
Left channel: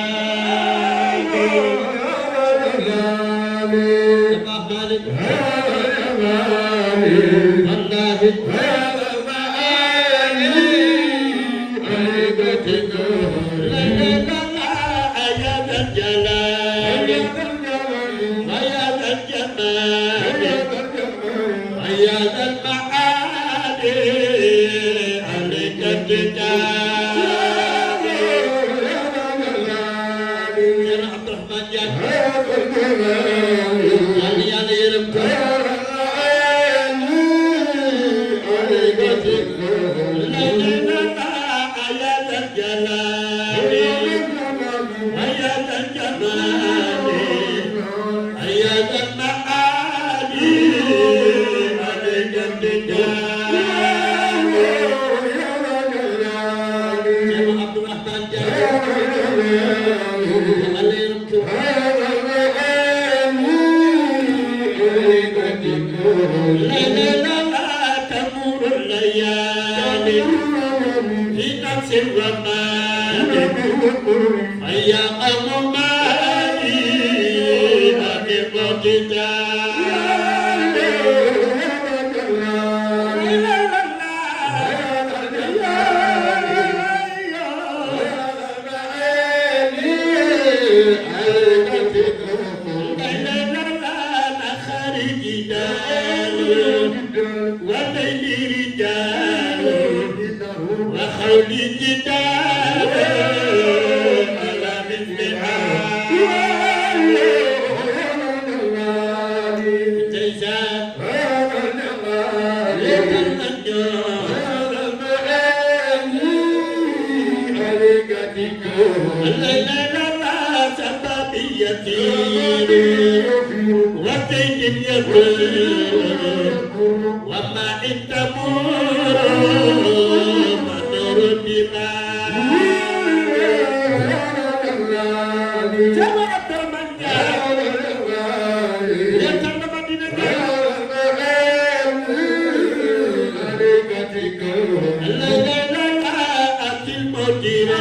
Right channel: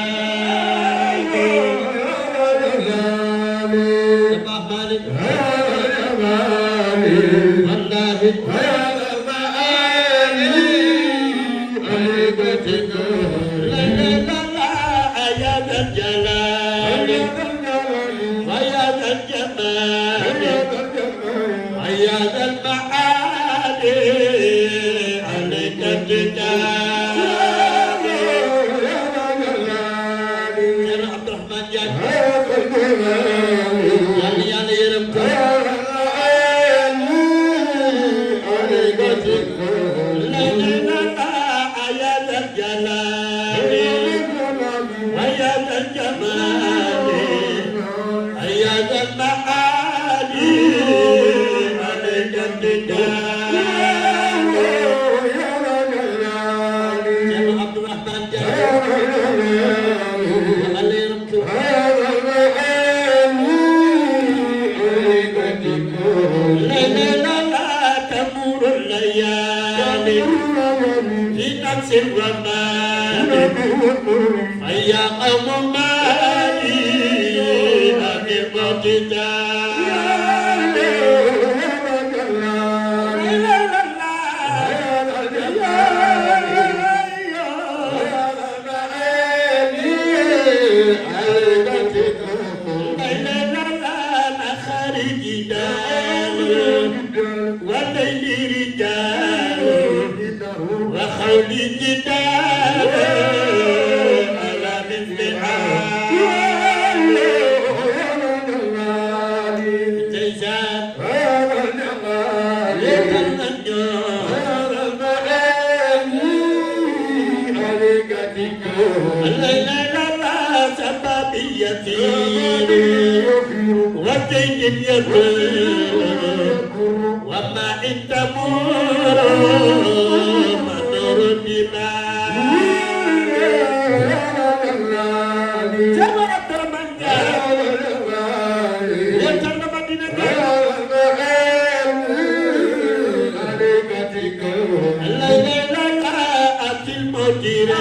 الليل لا أتي المديرين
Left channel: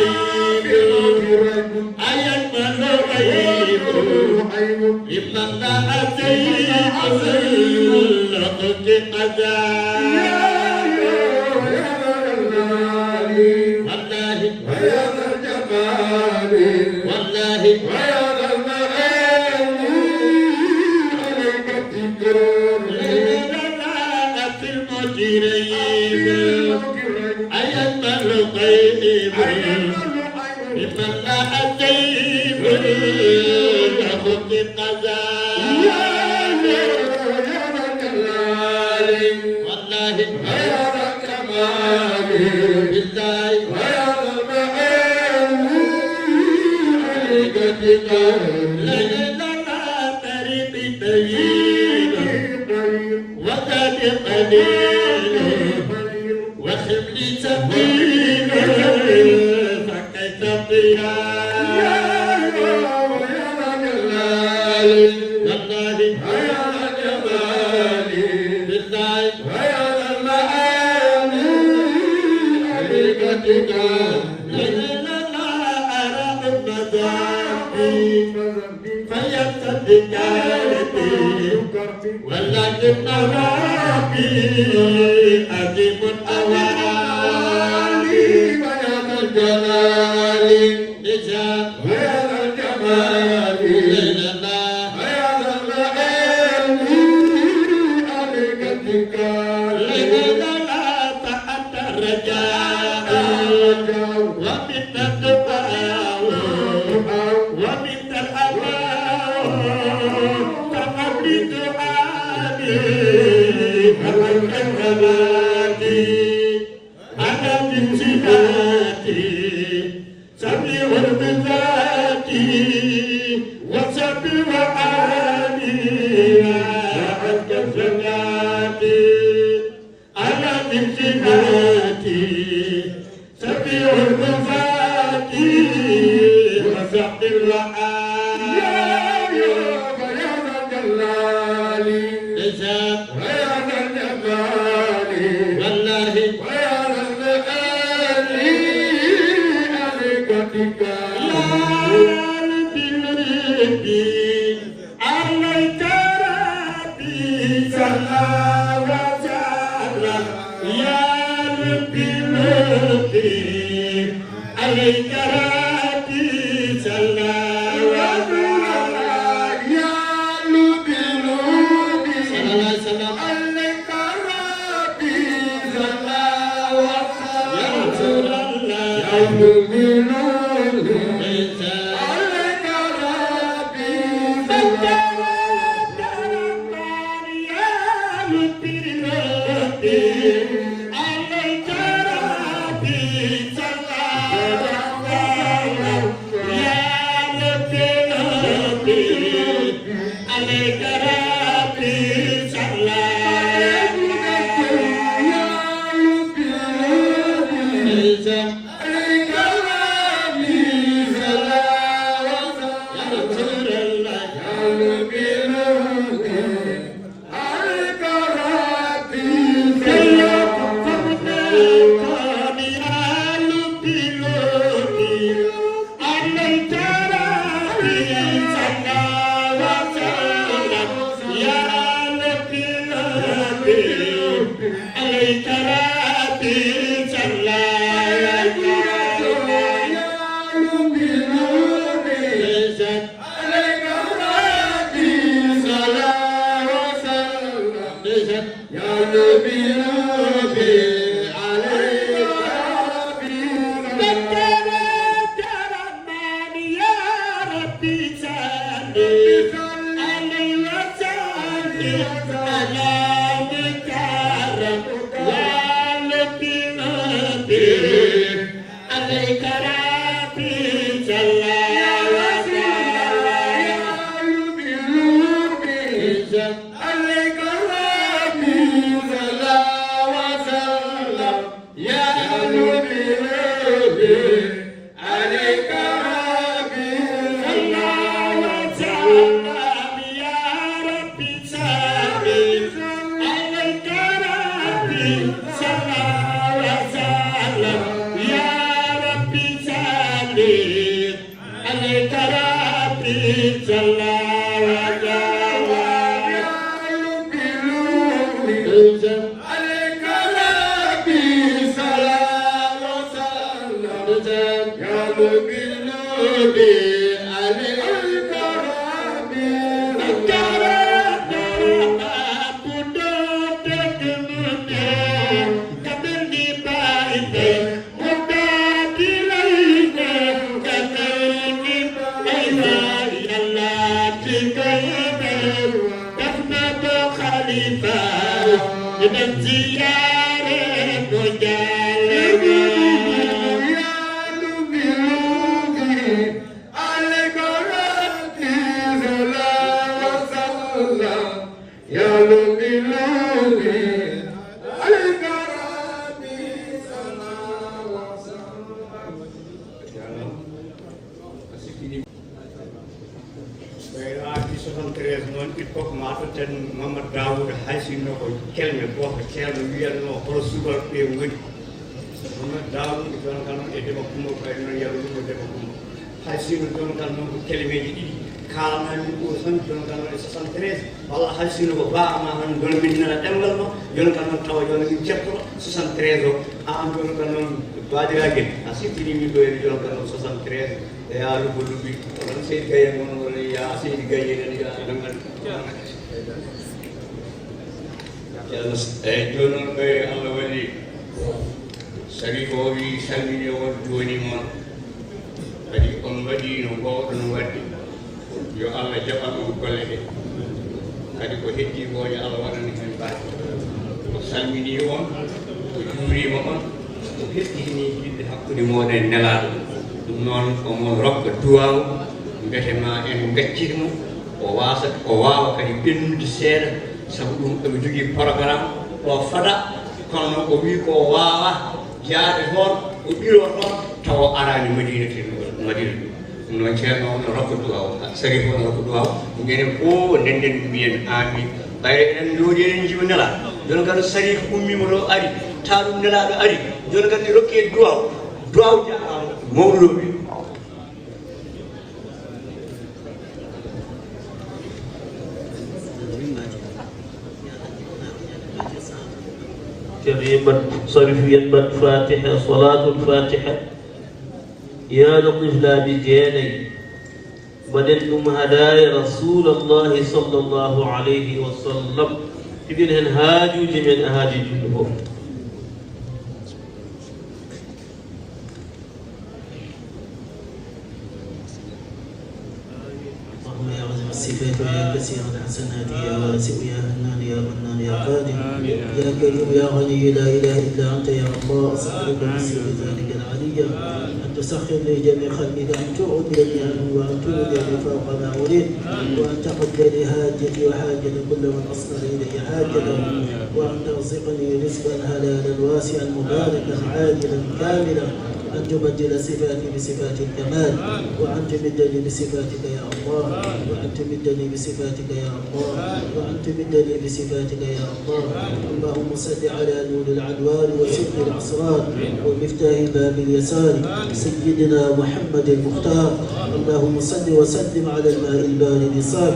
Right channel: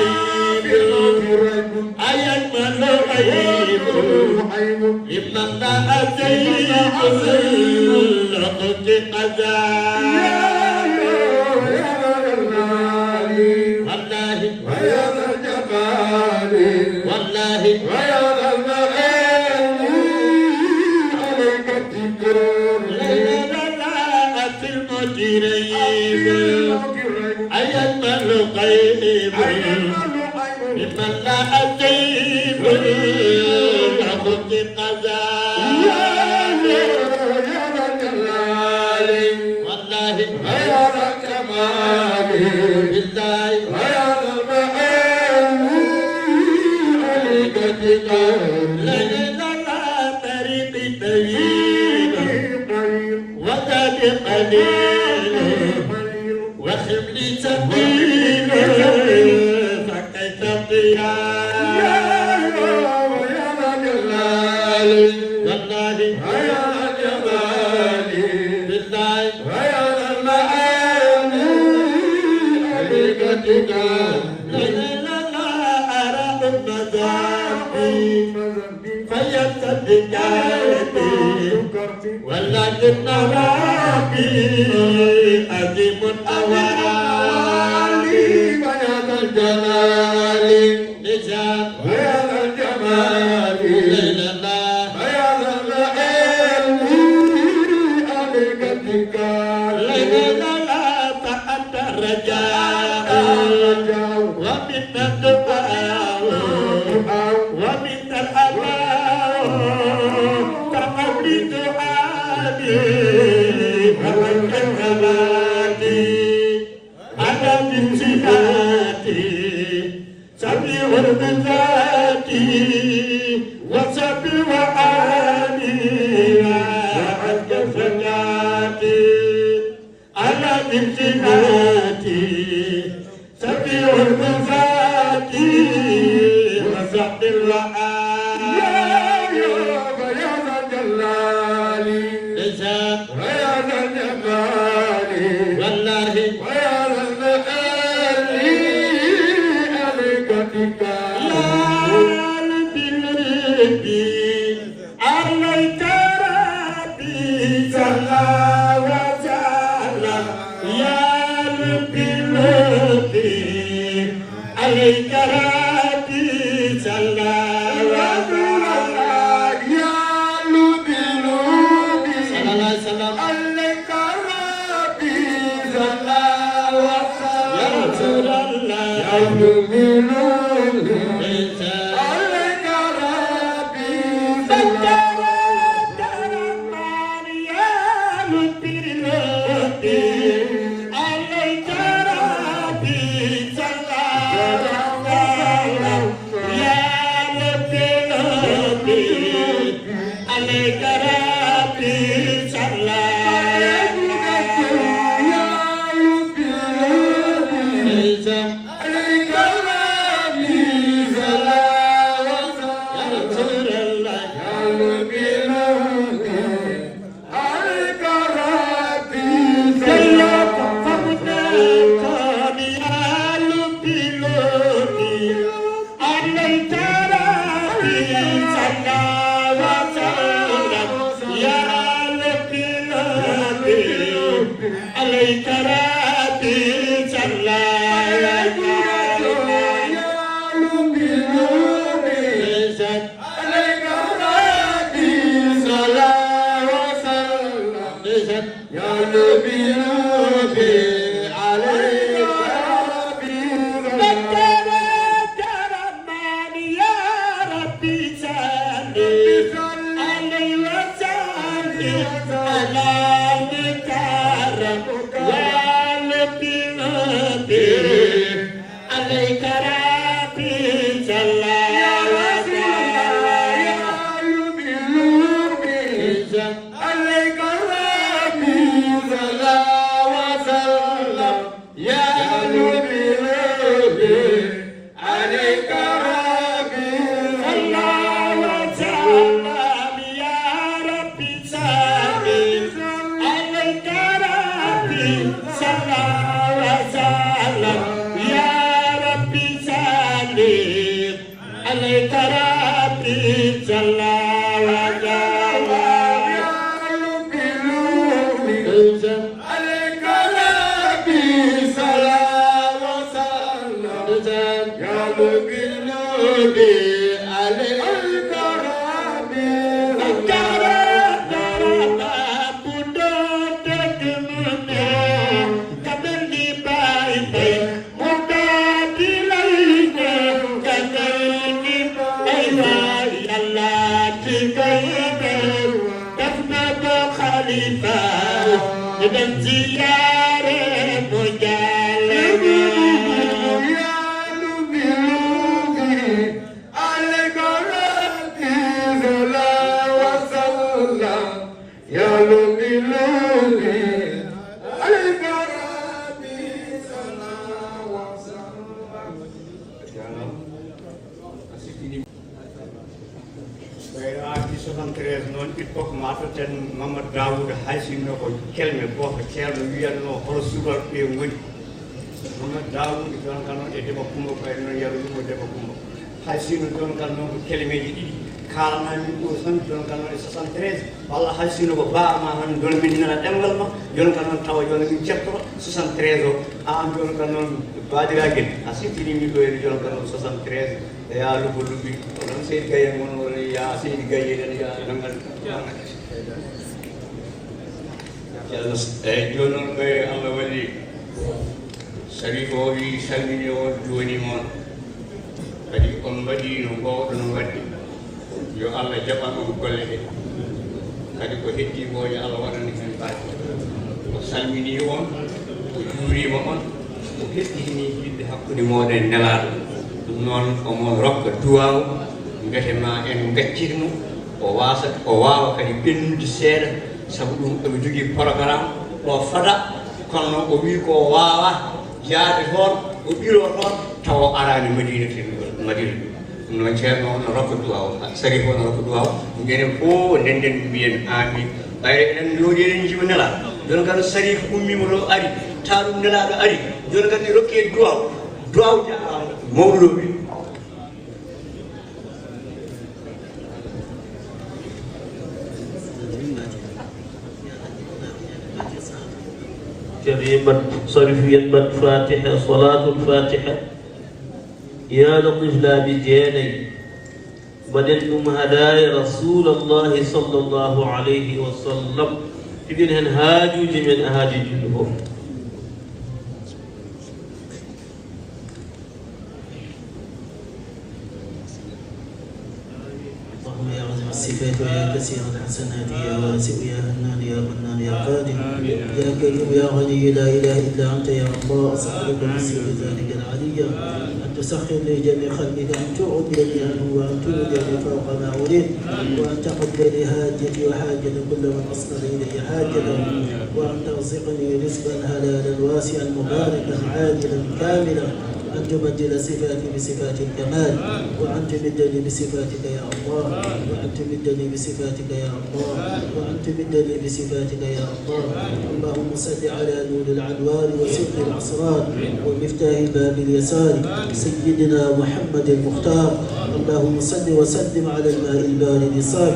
Alhamdulillah. صرفية فاتحة صلاة الفاتحة يا لطفنا بدياني بدلهم هدايا رسول الله صلى الله عليه وسلم إذن الهادي لمن أهادي الجمهور صفاتك كثيرة حسناتك يا واسع يا منان يا منان يا قادر يا كريم يا غني لا اله الا انت يا الله استغفرك من سوء ذلك العلي ان تسخر لي جميع خلقك ان تعبدني عنه وان تولدني فوق ناوليه وان تقبل لي حاجتي وحاجه كل من اصل اليه حاجته وان ترزقني رزقا حلالا واسعا مباركا عاجلا كاملا أن تبدل صفاتي بصفات الكمال وأن تمدني بصفاتك يا الله وأن تمدني بصفاتك يا الله وأن تمدني بصفاتك يا الله اللهم صل على نور العدوان وسر الأسرار ومفتاح باب اليسار سيدنا محمد المختار اللهم صل وسلم على الماء البارد صاف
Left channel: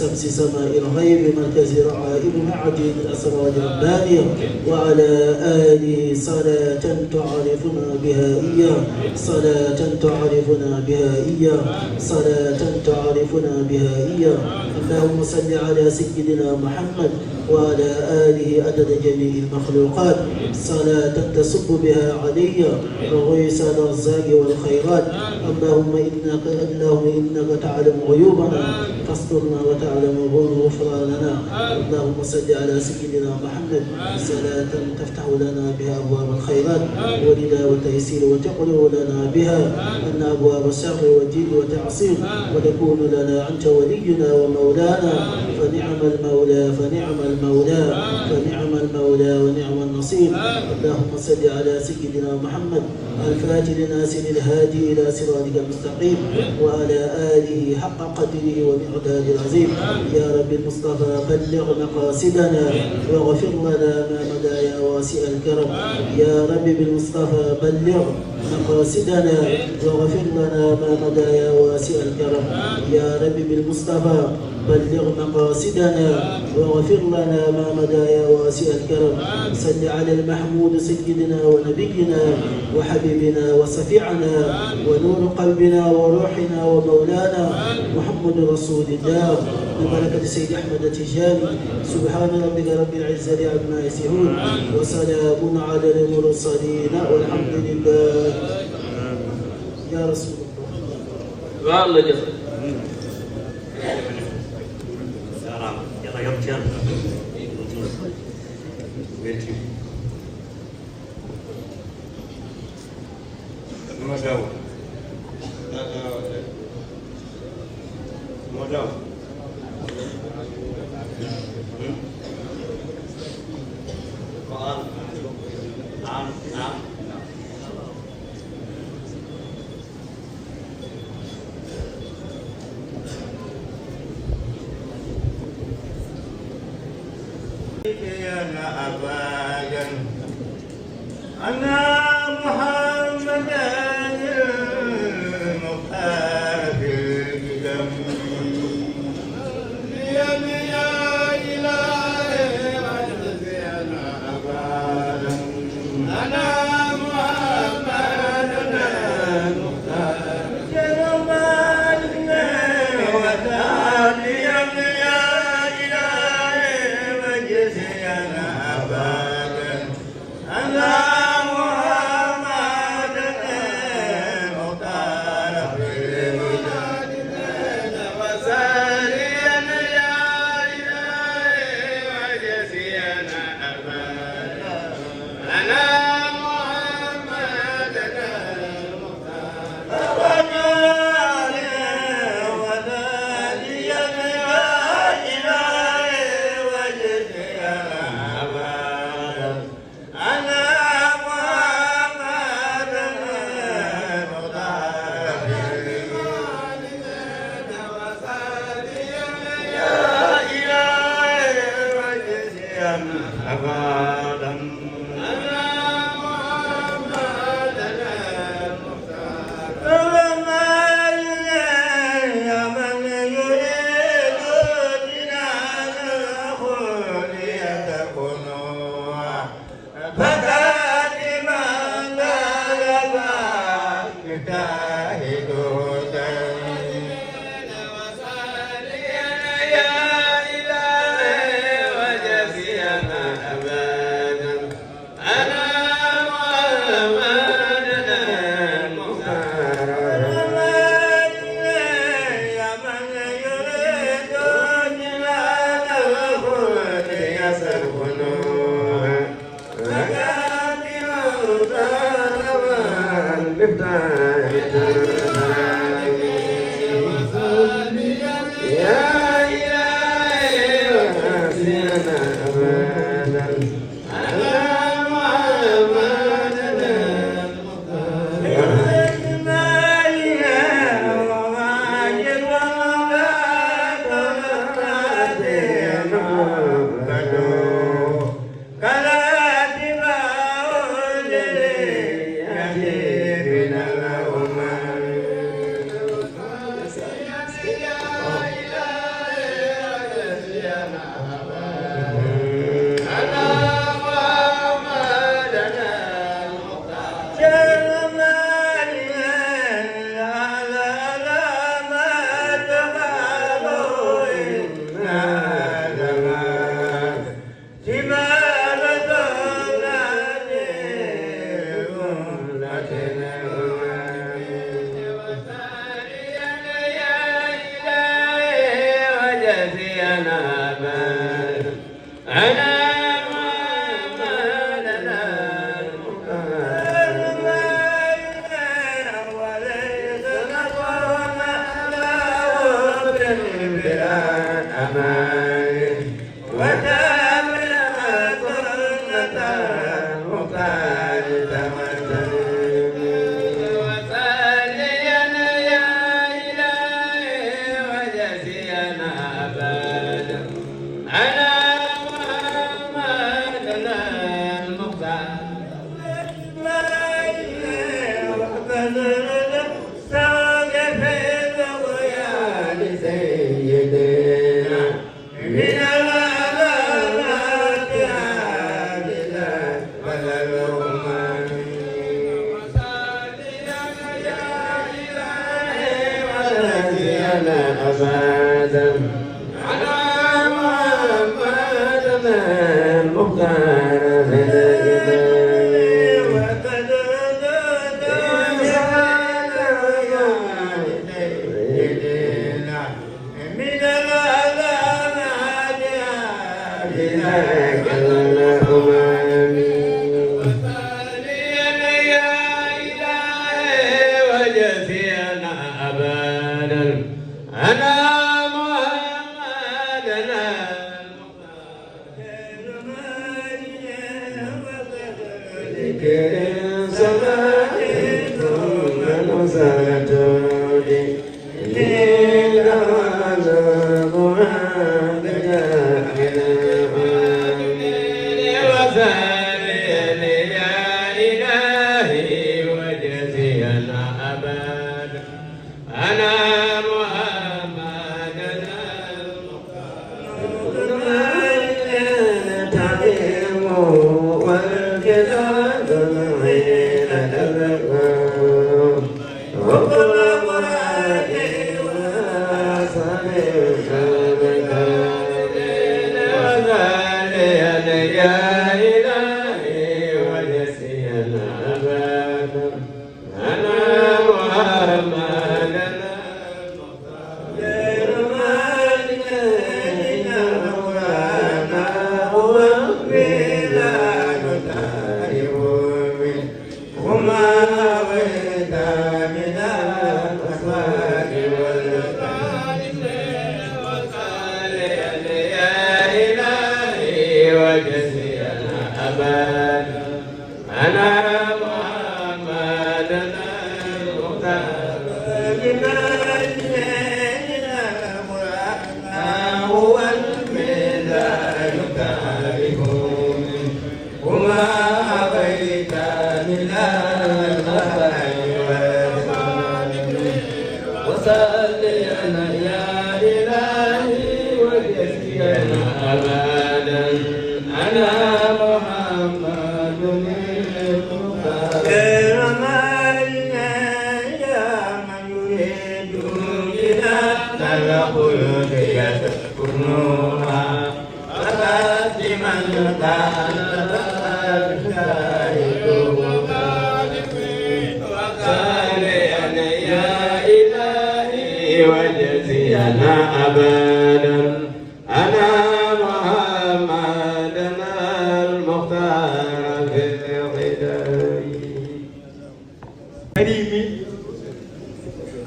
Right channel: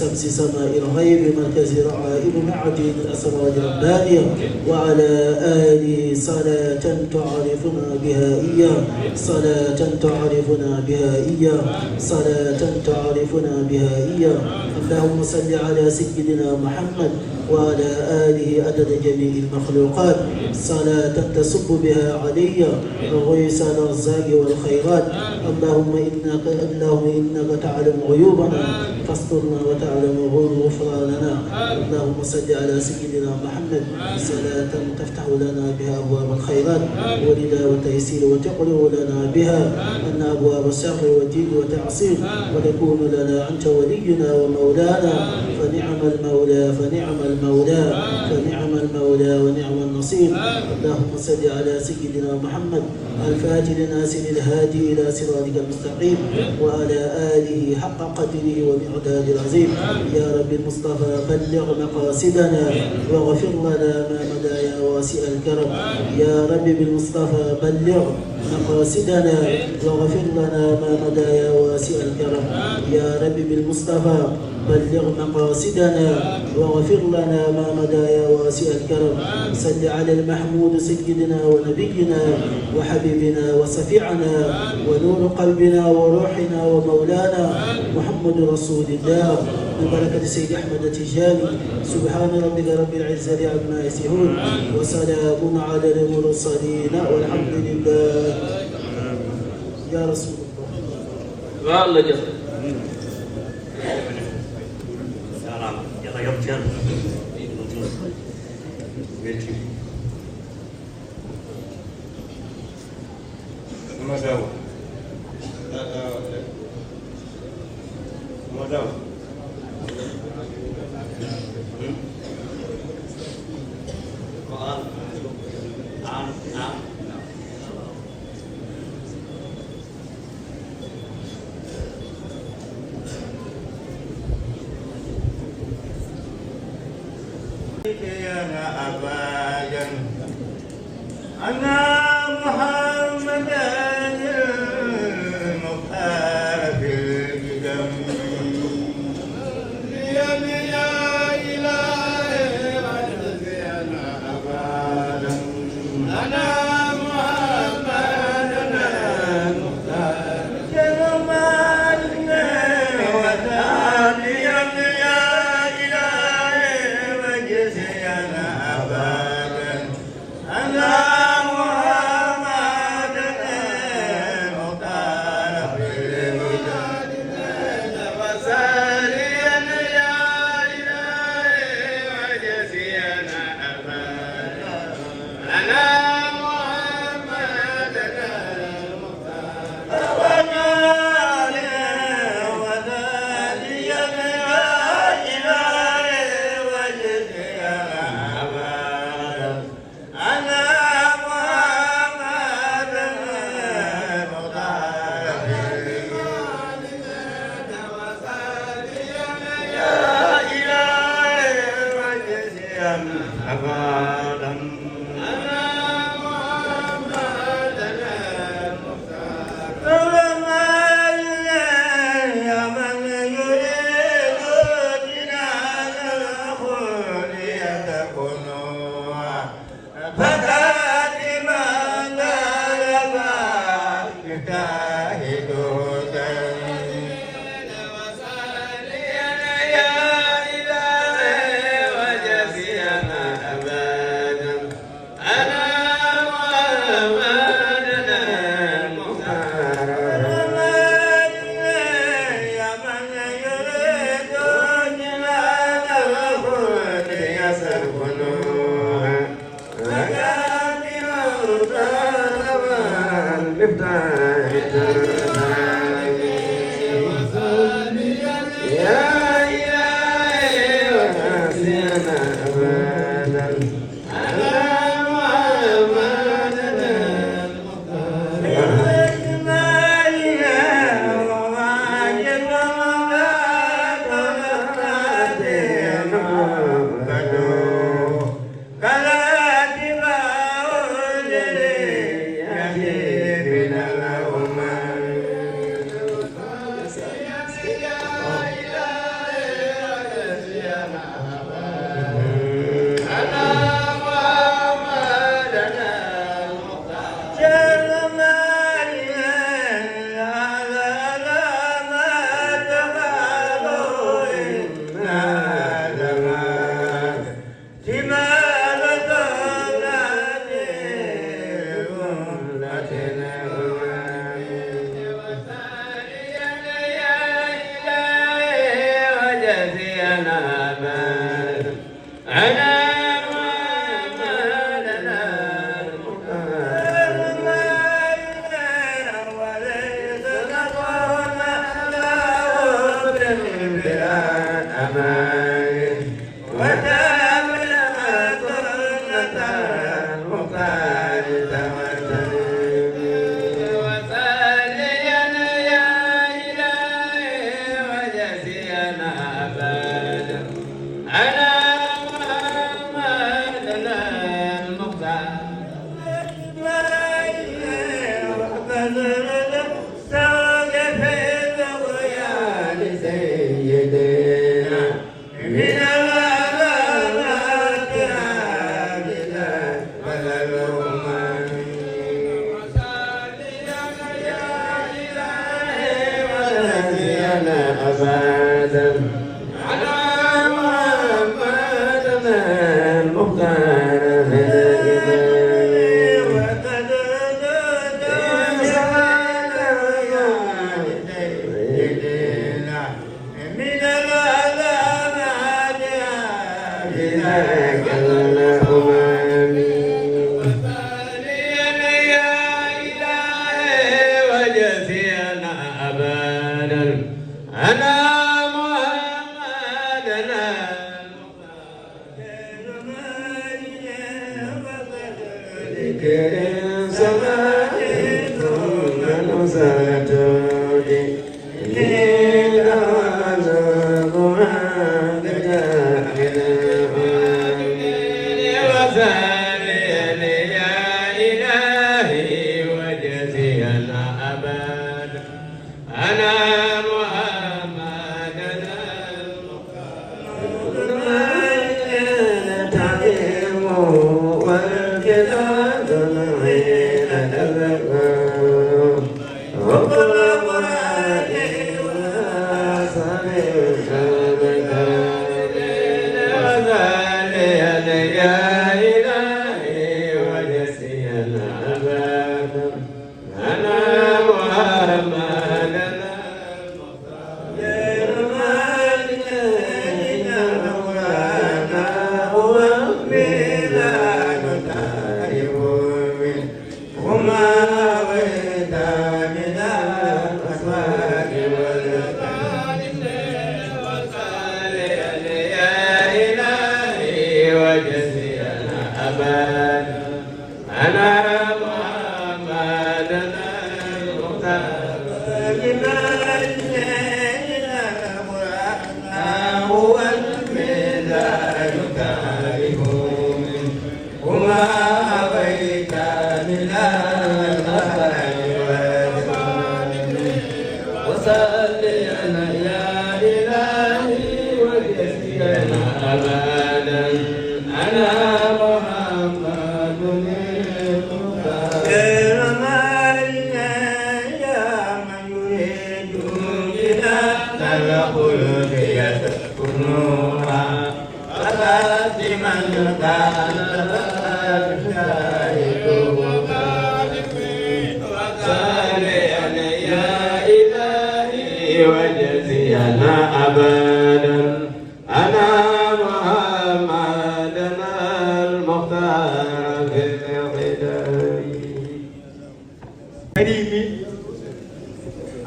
شمس سماء الغيب مركز رعائب عديد الأسرار البارية وعلى آله صلاة تعرفنا بها صلاة تعرفنا بها إياه صلاة تعرفنا بها إياه اللهم صل على سيدنا محمد وعلى آله عدد جميع المخلوقات صلاة تصب بها علي غيث الأرزاق والخيرات اللهم إنك تعلم غيوبنا فاسترنا وتعلم غفراننا اللهم صل على سيدنا محمد صلاة تفتح لنا بها أبواب الخيرات ولنا وتيسير وتقلو لنا بها أن أبواب الشر والدين وتعصيب وتكون لنا أنت ولينا ومولانا فنعم المولى فنعم المولى فنعم المولى ونعم النصير اللهم صل على سيدنا محمد الفاتح لناصر الهادي إلى صراطك المستقيم وعلى آله حق قدره ومقدار العظيم يا رب المصطفى بلغ مقاصدنا واغفر لنا ما مدى يا واسع الكرم يا رب بالمصطفى بلغ مقاصدنا واغفر لنا ما مدى يا واسع واسع الكرم يا رب بالمصطفى بلغ مقاصدنا واغفر لنا ما مدى يا واسع الكرم صل على المحمود سيدنا ونبينا وحبيبنا وشفيعنا ونور قلبنا وروحنا ومولانا محمد رسول الله ببركة سيد أحمد التجاني سبحان ربك رب العزة عما يصفون وسلام على المرسلين والحمد لله يا رسول الله.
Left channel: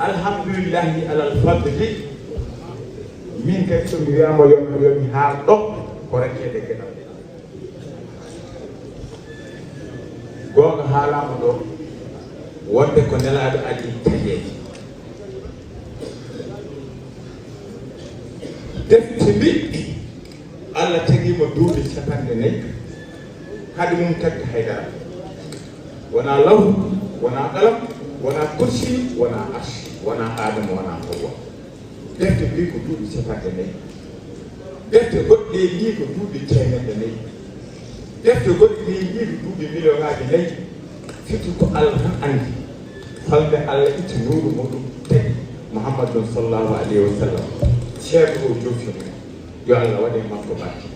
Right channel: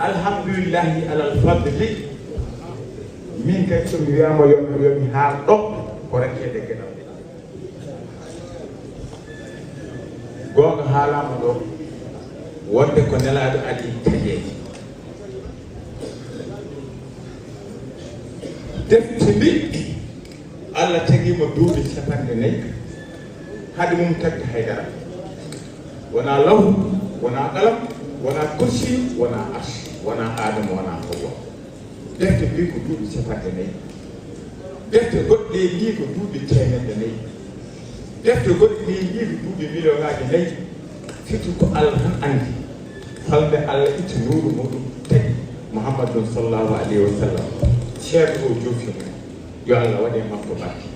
alhamdulillahi alal fadli min kadi so mi wiyama yomi haal ɗo ko rekkede gueɗal gonga haalama ɗo wonde ko nelaɗo adi taƴeede defte ndi Allah tagima duuɓi 50 haade mum tagdi haydara wona law wona alam wona kursi wona arsh wona adama wona hawa defte mbi ko duuɓi 50 defte goɗɗe mbi ko duuɓi 100 defte goɗɗe mbi ko duuɓi million ngaji 4 surtout ko Allah tan andi falde Allah itti nuru muɗum tagi Muhammadun sallallahu alayhi wa sallam ceerno o jofimo yo Allah waɗe makko barke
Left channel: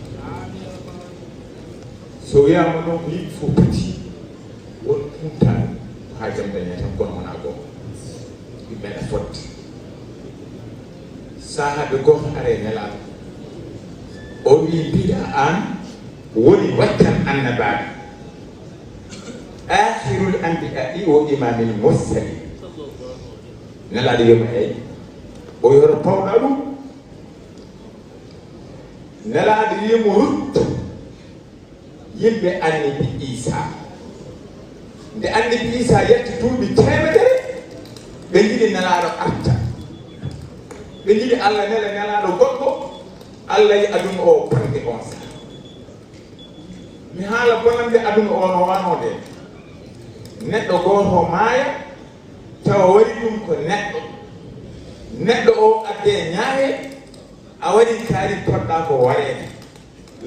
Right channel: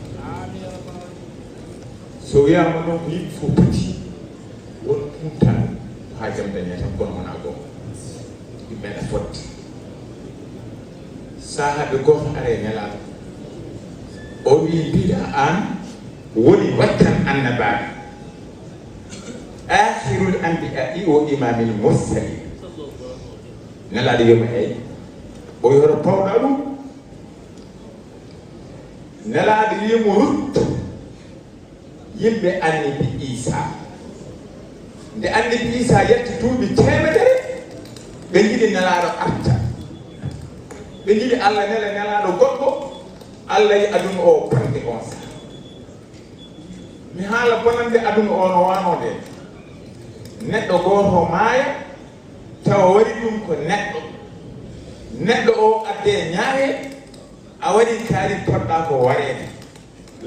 so wiyama ɗon ko yimɓe fof poti won kumtano ha jam dañe tan gonmana goto yimɓene fotte sahade goto are nelaɗo o wi mbiɗa an woni wattan annabaɓe akhirul anbiya'i wa imamil mursalin nelaɗo yomi eyi o yoro pawɗa ɗum nelaɗo yimo rutto yimɓe annabi Isa nde annabi Isa yetti duuɓi 100 ɓe jiɗi nelaɗo arta ɓe jiɗi Allah nele nelaɗo goɗɗo Allah yi aduna o kamde on sa mi haala bonande aduna o no wamode neɗɗo goto maaya tawa waɗi ɗum ko neɗɗo o adde ñaame a waɗi kaari poɗɗa ko wareede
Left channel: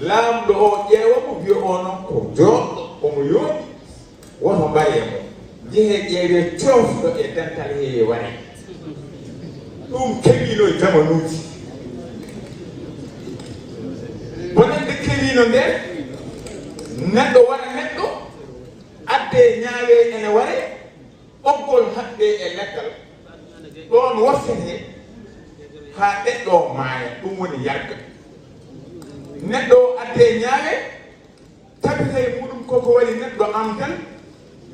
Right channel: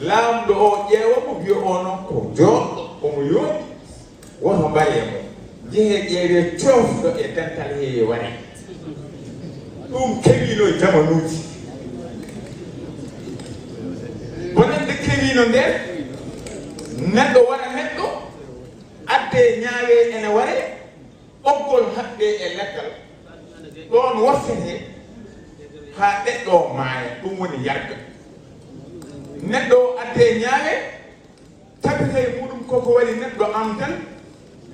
laamɗo o ƴeewamo wiya o noon ko jooɗɗo omo yooɗi wono mbariyamo jehe ƴeewe coofɗo e dental heewi ware ɗum kewino e jamanuuji bonande kewino nde neɗɗo waɗa neɗɗo adde ñaawe ene ware ɓoggol haɓɓe e lekkal ɗon worsete haa ɗeɗɗo maaya ɗum woni yagga neɗɗo adde ñaawe tabita e muɗum koko waɗi neɗɗo am tan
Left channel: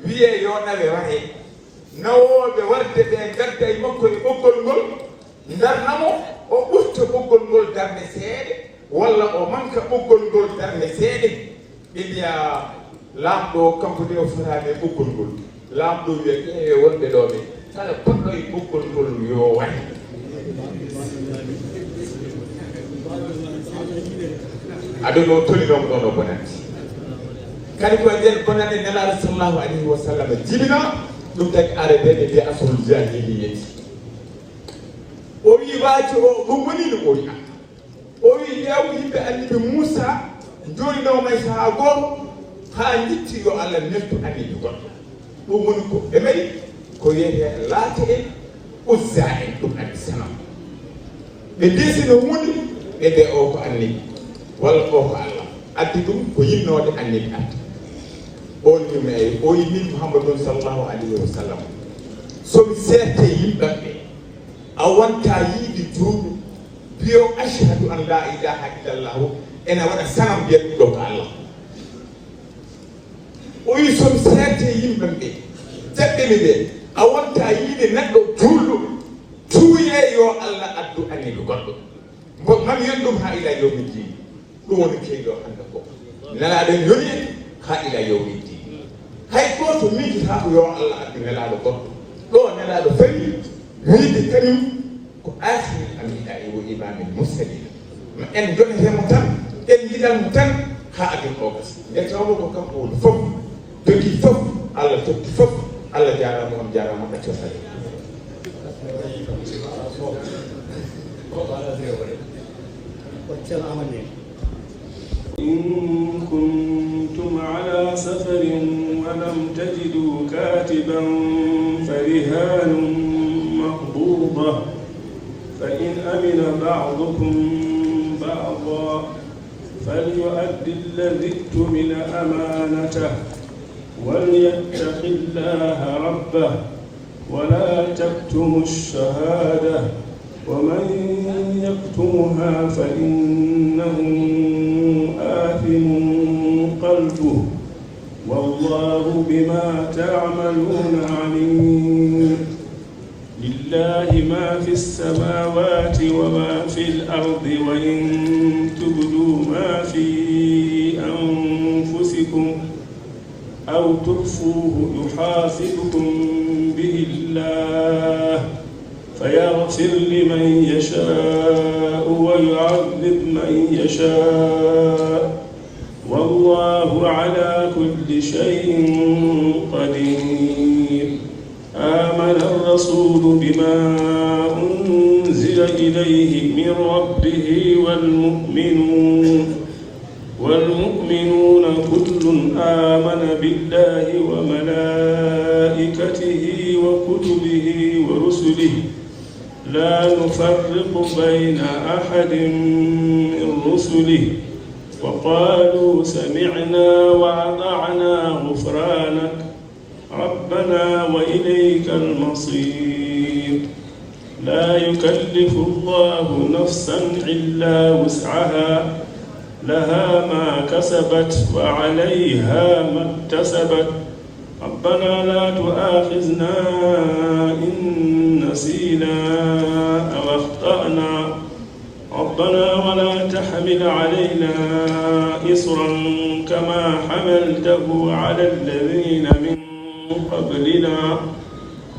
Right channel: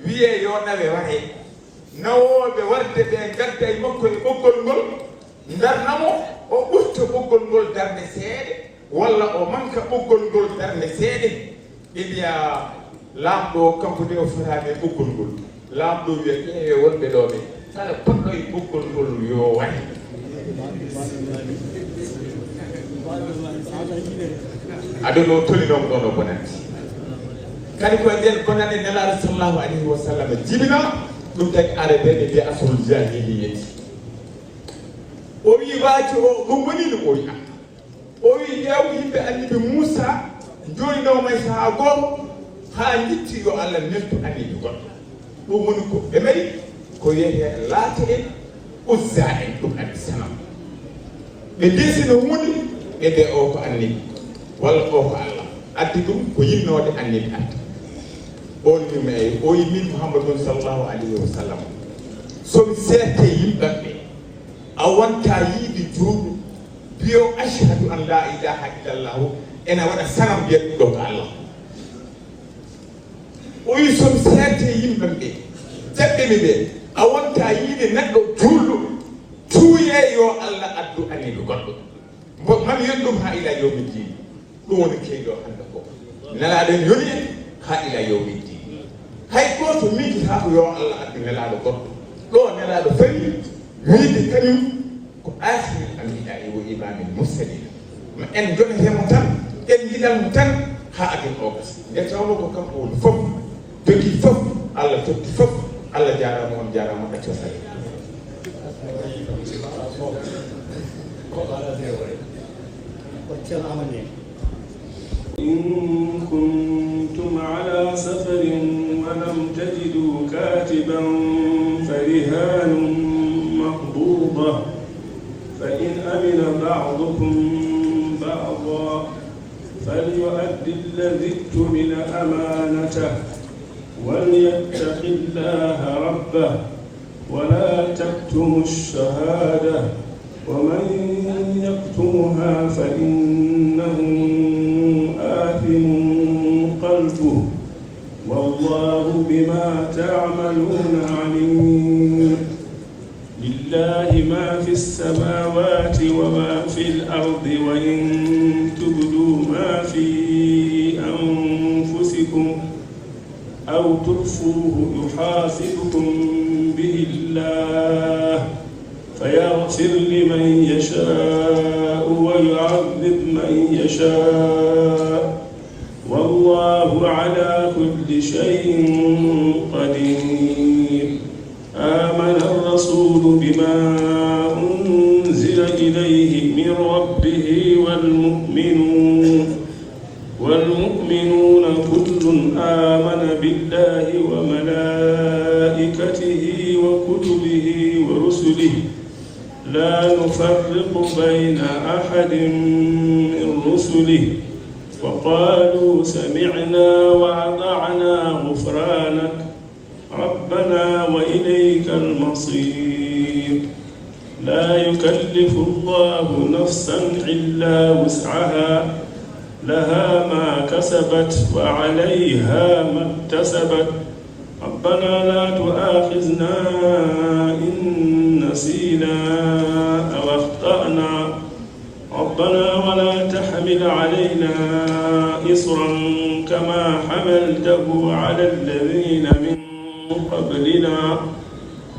wiye yo nawe ware nawooɓe warde ɓe gadda e makko e ɓoggol ngol darnamo o ɓurta ɓoggol ngol darde seeɗe walla o manka ɓoggol ngol darde seeɗe ɓe mbiya laamɗo kanko nde o fotaade e ɓoggol ngol laamɗo wiya ƴeewe wonɓe ɗo ɓe kala poɗɗo e ɓoggol ngol yo waɗe aduna o tolinomo ɗon o bonati kadi koye nder bonane nelaaɗo sallllahu alayhi wa sallam jibina ɗum tagi ara ɓe ɓe mbiya asolul jahili yeti wi waaji o mo woni no ɓooyi an o wi ƴeew yimɓe anniɓe Moussa jolnoma e sahaa goto haa litti yo Allah neltu anniɓe goɗɗo ɗum woni ko ɓe mari ko wiyete laata en uzza en ɗum andi sanam ɓe desino hunde ɓe ɓe o ko anniɓe walla o ko Allah addi ɗum ko yinnode anniɓe addi on ɗum e o yi min Mouhammadou sallallahu alayhi wa sallam somi seette yimɓaɓɓe a wonta yiide juuɗo mbiyo ashhadu an la ilaha illallahu ene waɗa sanam mbiyeɗo ko Allah o yi somi seette yimɓe ɓe jaɓɓene ɓe a wonta yiide neɗɗo juulɗo tuuye yo Allah addu anniɓe goɗɗo man yendum ha ila yawmi din ɗum woni keyɗo hande fof nelaɗen yoni ha ila yawmi din hay goto miji ha ko yo Allah addu nelaɗo goɗɗo ɗo nelaɗo fari wiide kañum ko aatini ambiɗaɓe wo imamin mursalin ma en jonetemo tan en jiɗanmo tan ha adun o gasi nde tawno ko kanko woni fof jogi fof Allah totti fof Allah jarama on jarama ka cosal إن كنتم على سفر ولم تجدوا كاتبا فرهان مقبوضة فإن أمن بعضكم بعضا فليؤدي الذي اؤتمن أمانته وليتق الله ربه ولا تكتموا الشهادة ومن يكتمها فإنه آثم قلبه والله بما تعملون عليم لله ما في السماوات وما في الأرض وإن تبدوا ما في أنفسكم أو تخفوه يحاسبكم به الله فيغفر لمن يشاء ويعذب من يشاء والله على كل شيء قدير آمن الرسول بما أنزل إليه من ربه والمؤمنون كل آمن بالله وملائكته وكتبه ورسله لا نفرق بين أحد من رسله وقالوا سمعنا وأطعنا غفرانك ربنا وإليك المصير لا يكلف الله نفسا إلا وسعها لها ما كسبت وعليها ما اكتسبت ربنا لا تؤاخذنا إن نسينا أو أخطأنا ربنا ولا تحمل علينا إصرا كما حملته على الذين من قبلنا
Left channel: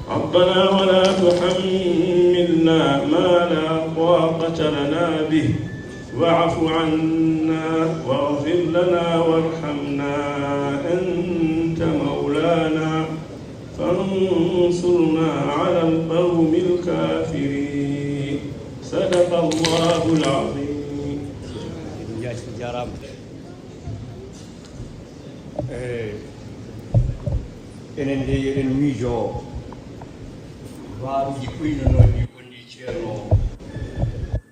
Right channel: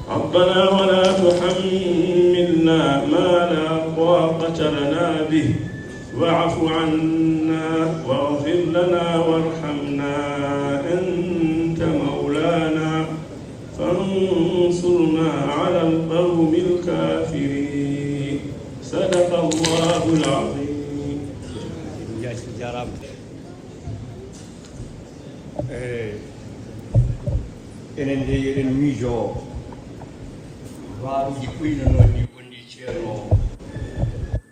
ربنا ولا تحملنا ما لا طاقة لنا به واعف عنا واغفر لنا وارحمنا أنت مولانا فانصرنا على القوم الكافرين صدق الله العظيم. enen de eɗen miijo waawi jiɓɓuyno noon ni gonɗi ceerno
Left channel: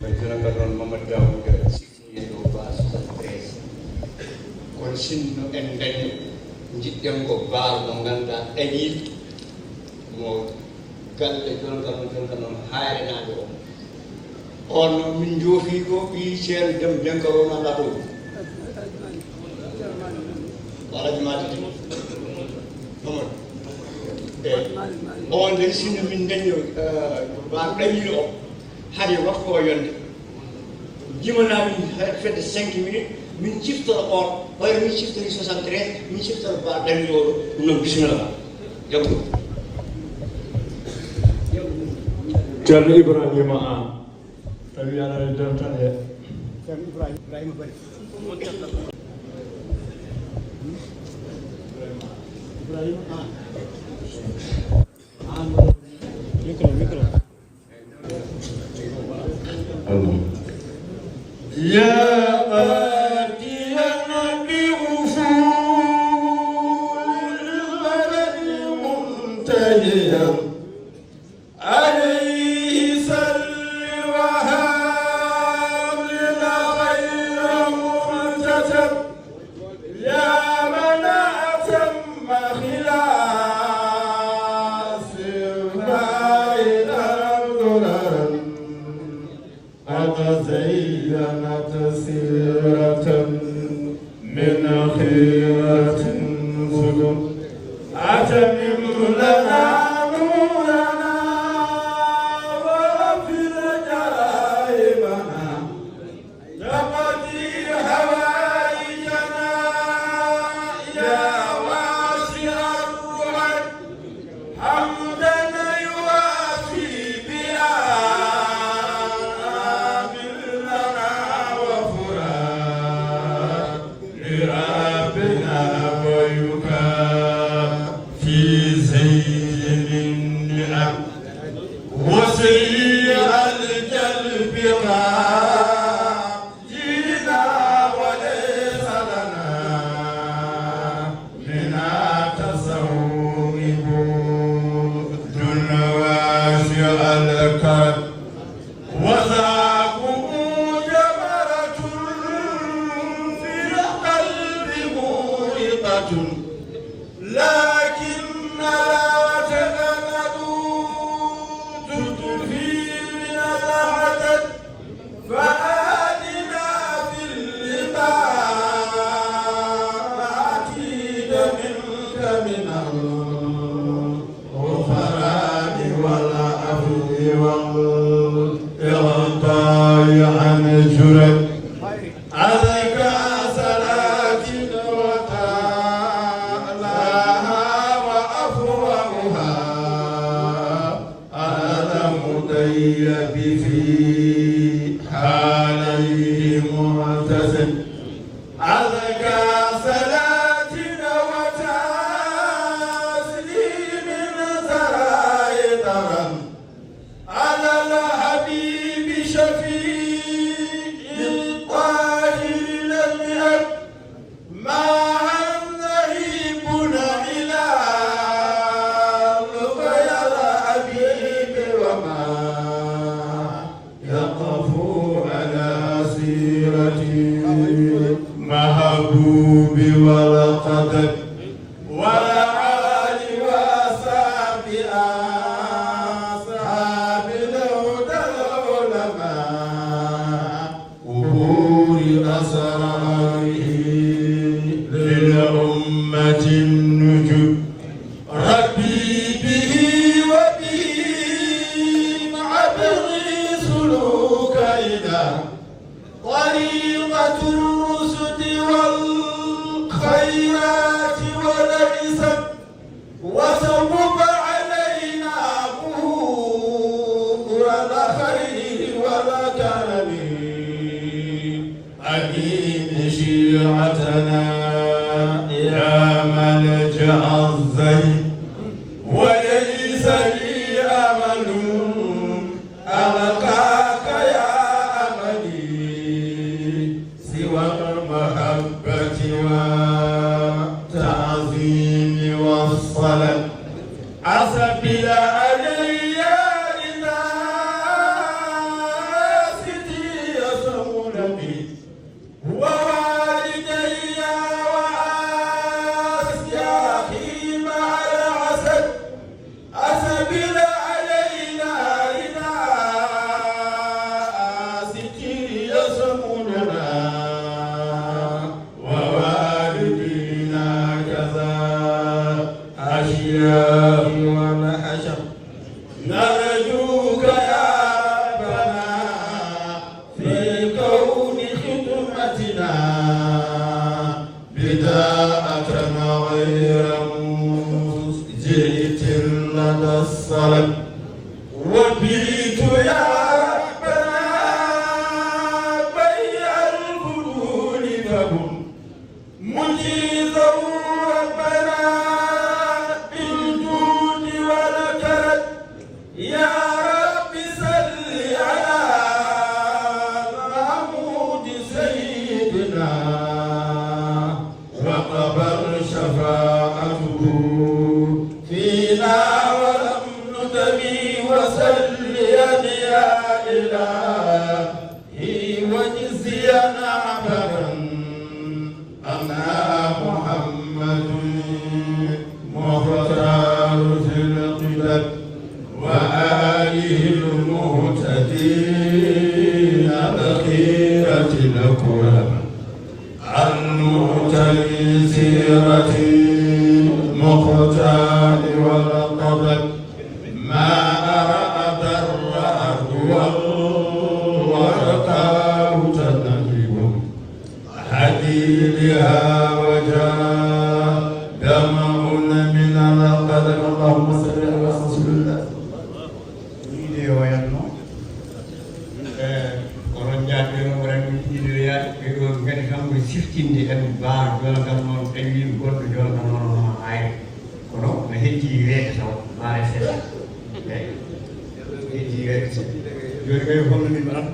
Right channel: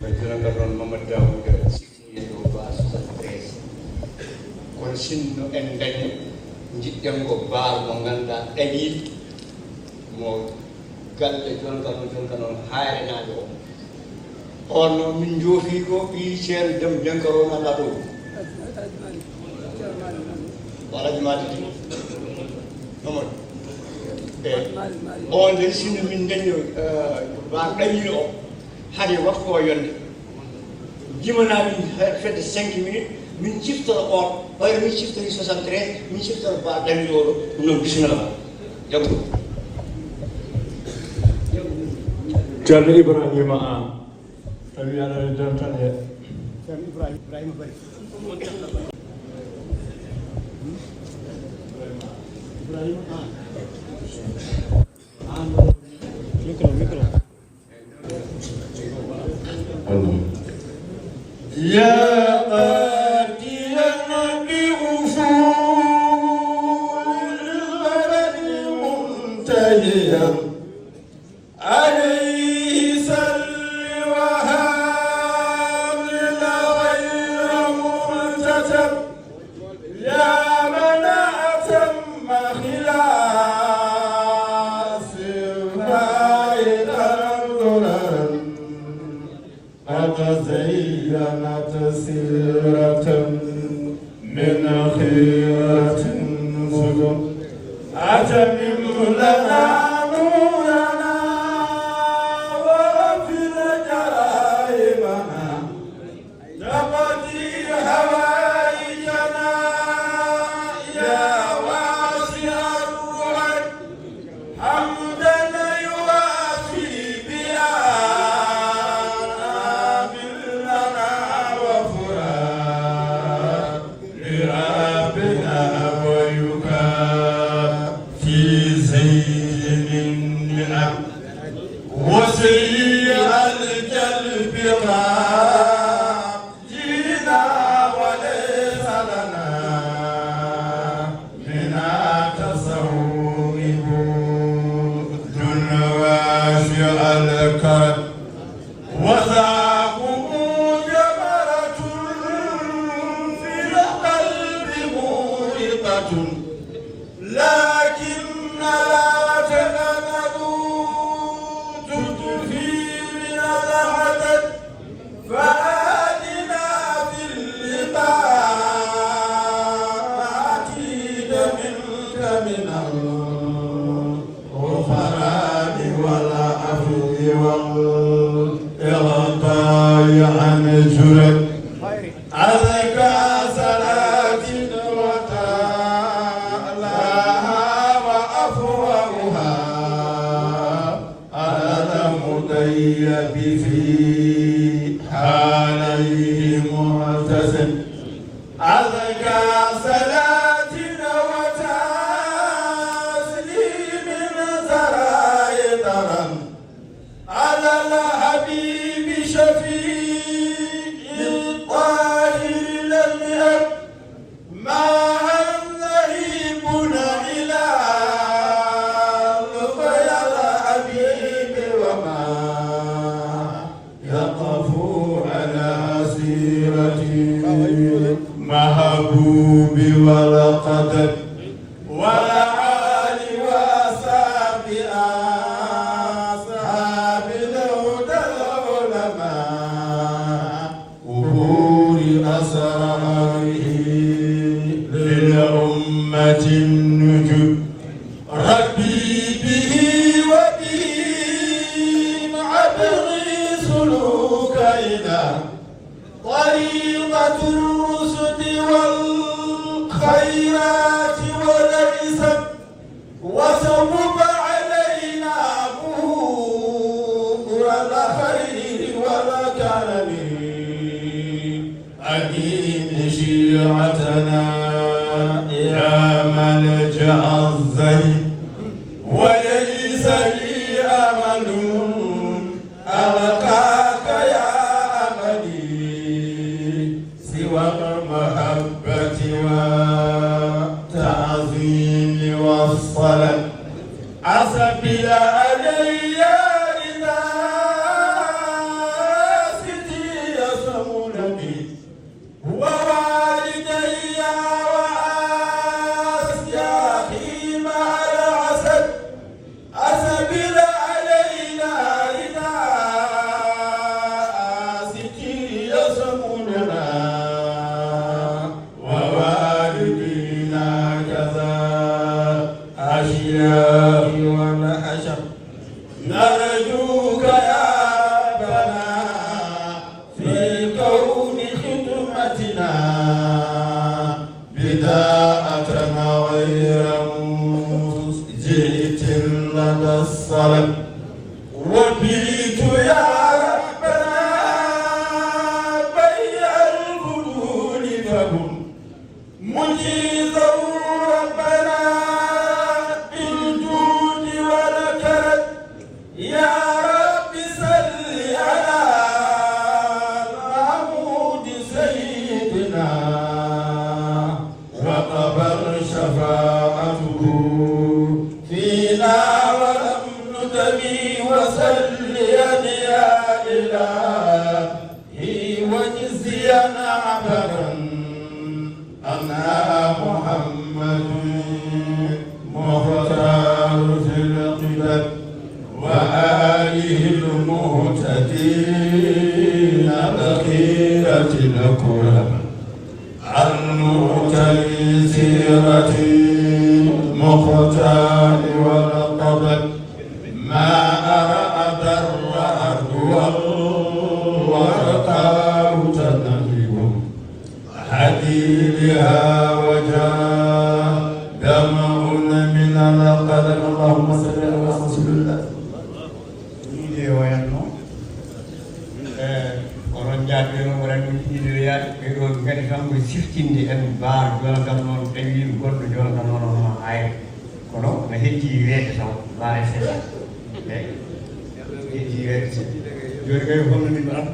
président noon Mamadou Daouda sifnoye dow base presse kono sinno en dañi jiɗɗen ko baal mo ngannduɗaa ɗaɗi mo galle jonka mo jonka noon haarinaaɓe o on noon min joofii ɗo ɓii ceerno dem denko o ngannduɗaa ɗo ko alaji matiti ɗumon on de sinno min dañi ba ɗañi o hade waktu mo yonde jimana min fedde 5 minutes min ciftoro ko ɓayde min ciftori 73 min ciftoro ba ɗañi o no bismillah jaggo ceerno Ibrahima An tawi aɗa jam tan e ceerno Ibrahima Bari Ibrahima An micro زينت سيرة من خيرة سدم أتمم لنا نورنا واغفر جرائمنا تقضي حوائجنا يا واسع الرحم حمدا يوافي بآب لنا وفرات لرابنا ويكافي سيد النعم وسيء الجلب ما جينا وليس لنا منا تصوب واسع الكد وذاقه جمرة في القلب مورقة لكن لا تغلبوا تدفي من العدد فآتنا في اللقاء منك من الغفران والعفو والإغطاء عن الجرم عليك صلاة وتعالى وأفوهها على المطيب في حاليه معتزل عليك صلاة وتسليم سراي ترى على الحبيب شفيع الطاهر لم يهب ما نعيبنا إلى لقيا الحبيب وما يقف على سيرته محبوب ولا قدر ولا عالي وأصحاب أصحاب الهدى العلماء قبور أسراره للأمة النجوم ربي به وبه عبري سلوك إلى طريقة الرشد والخيرات والعزة وصوب علينا بور الخير والكرم أمين شيعتنا يا ملجأ الزين وليس لي أمل ألقاك يا أملي سوى المحبة والتعظيم والصلاة أسبل علي إذا ستي يسولني ووالدي وأسياخي مع العسل أسبل علينا إذا ستي يسولنا ووالدينا كذا أشياخ ولا أشق نرجوك يا ربنا في كون خدمتنا بداءتنا غير مسجئة لدى الصلاة وبيت يا ربنا بيع الفضول فهم مجيزا ربنا بالجود والكرم يا رب صل على محمود سيدنا وقبل شفاعته فينا ولم نتبي وصل يا إلهي وجزينا عملا أنا محمد مختار في القدم وآله المهتدين عديدها وجاء دمعون من القدر. اللهم صل على رسول الله. wiide wayanno onon jaadiro waɗanen kuujoyaade ɗon kadi kamko siftinde en baaɗo gongal noon tawi goɗɗo jonɗo noon hayre kono no hetti weede taw baare seeɗa hetti weede seeɗa joni koye holnomin maɗam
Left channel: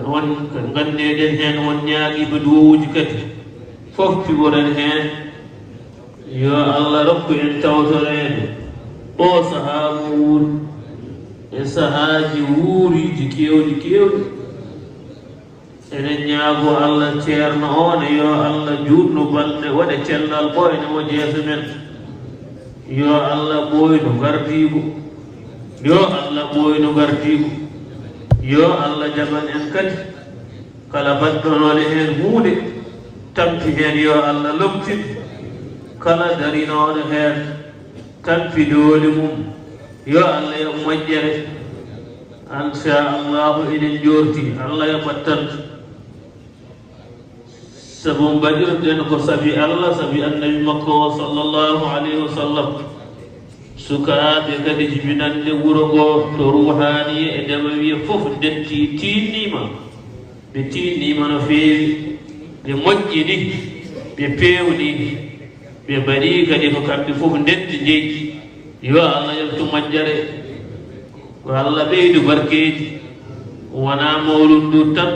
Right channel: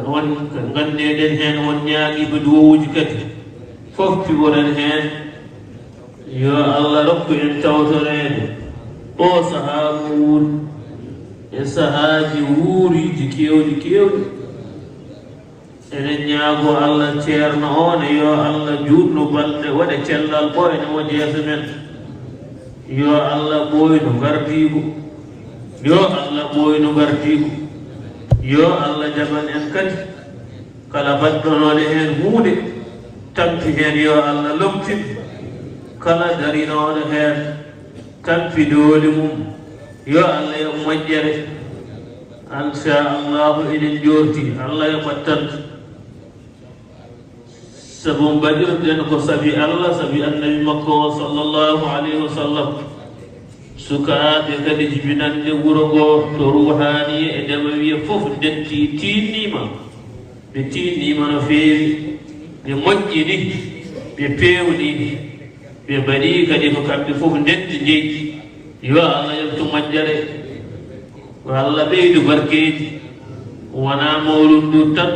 won gandeɗen hen won ñaagiɓe duwowuji kadi fof piworen hen yo allah rokku en tawtorede o saaha wuuri e sahaaji wuuriji kewɗi kewɗi enen ñaago allah ceerno on yo allah juutnu balɗe waɗa cellal bo ene woni yeeso men yo allah ɓooynu gardiigo yo allah ɓooynu gardiigo yo allah jaɓan en kadi kala badɗonoɗe heen huunde tampi heen yo allah lomtin kala darinoɗo heen tampi dooli mum yo allah yo moƴƴere inchallahu eɗen jorti allah yo ɓattan sabu mbaɗirɗen ko sabi allah sabi annabi makko sallllahu alayhi wa sallam sukaaɓe kadi jibinande wuro ngoo to ruhani e ndema wiye fof detti tiiɗima ɓe tiiɗima no feewi ɓe moƴƴini ɓe pewni ɓe mbaɗi kadi ko kamɓe fof detti jeeƴi yo allah yetto moƴƴere ko allah ɓeydu barkeji wona mawlud ndur tan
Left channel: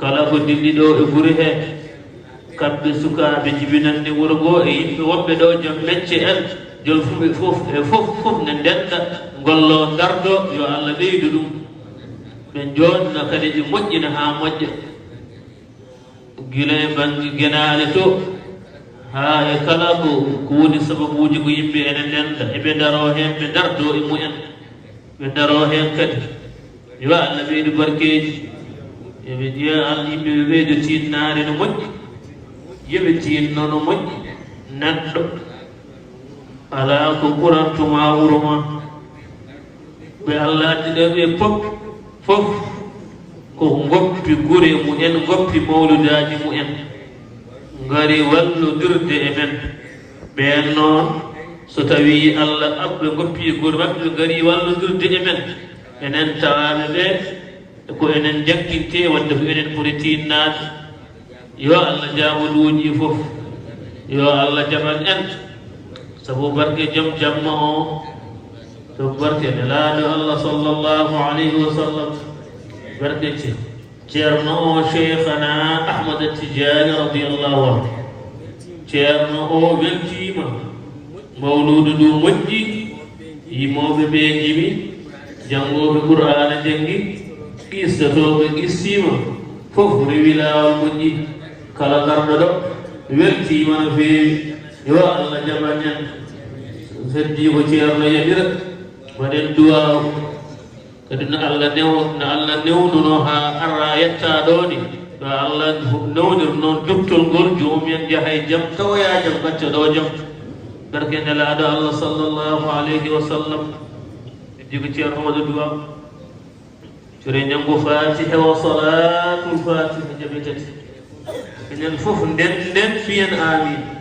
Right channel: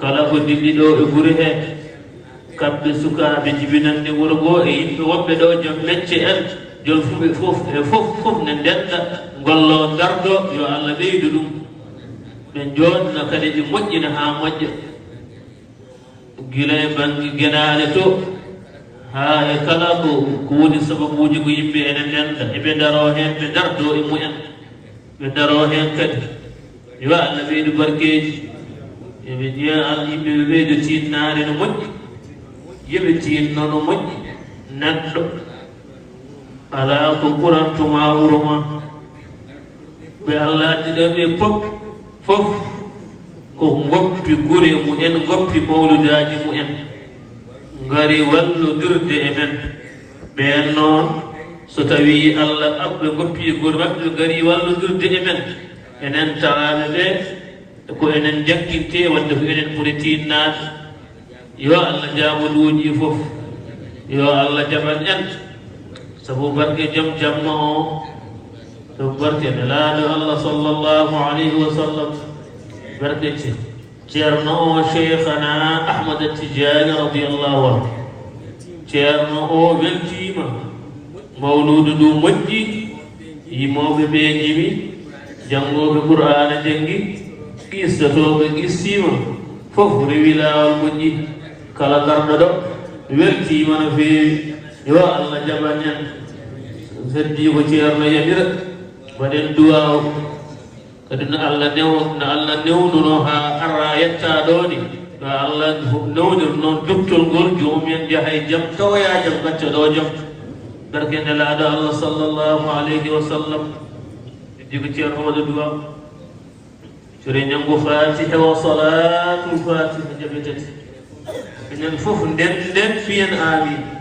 kala ko dilli ɗo e guri hee kamɓe sukaaɓe jibinande wuro ngoo e yimɓe wonɓe ɗo joom mecce en jom fuɓe fof e fof ne ndenda gollo dardo yo allah ɓeydu ɗum ɓe joɗna kadi ɓe moƴƴina ha moƴƴa gila e banggue guenaale to ha e kala ko woni sababuji ko yimɓe ene ndenda eɓe daro hen ɓe dardo e mumen ɓe daro hen kadi yo allah ɓeydu barkeji eɓe jiya an yimɓe ɓe ɓeydu tinnare no moƴƴi yeɓe tinno no moƴƴi neɗɗo ala ko ɓurantuma wuro ma ɓe allah addiɗaɓe fof ko goppi gure mumen goppi mawludaji mumen ngari wallodirde e men ɓen noon so tawi allah aɓɓe goppi gure maɓɓe gari wallodirde e men enen tawaɓe ɓe ko enen jakkinte wadde ko enen ɓuri tinnade yo allah jamaɗuji fof yo allah jaɓan en sabu barke jom jamma o sabu barke nelaɗo allah sallllahu alayhi wa sallam barke ceerno o cheikhana ahmada tidiani radiallahu anhu ceerno o weltima mawludu ndu moƴƴi yimoɓe ɓe yimi jangoɓe qur'ana janggi qissatoɓe qissima fof rewi lawol moƴƴi kala garɗo ɗo weltima no feewi yo allah jaɓan en heddi ko ceerno yaɓira waɗen duwaw kadi no allah newnuno ha arra yetta ɗoni to allah nowdir noon duttol ngol jomumen jahay jaam tawoya jaam gacca ɗo jaam barke nelaɗo allah sallllahu alayhi wa sallam heddi ko ceerno waɗa duwa sore ñamgo fatiha wa salatul fatiha jaɓi tati enen fof nden fiyen amin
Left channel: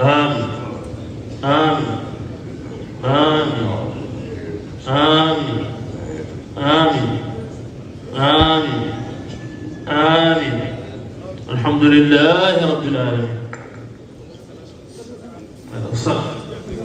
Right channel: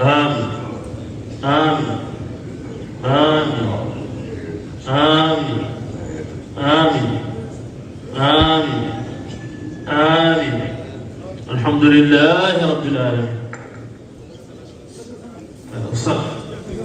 آمين آمين آمين آمين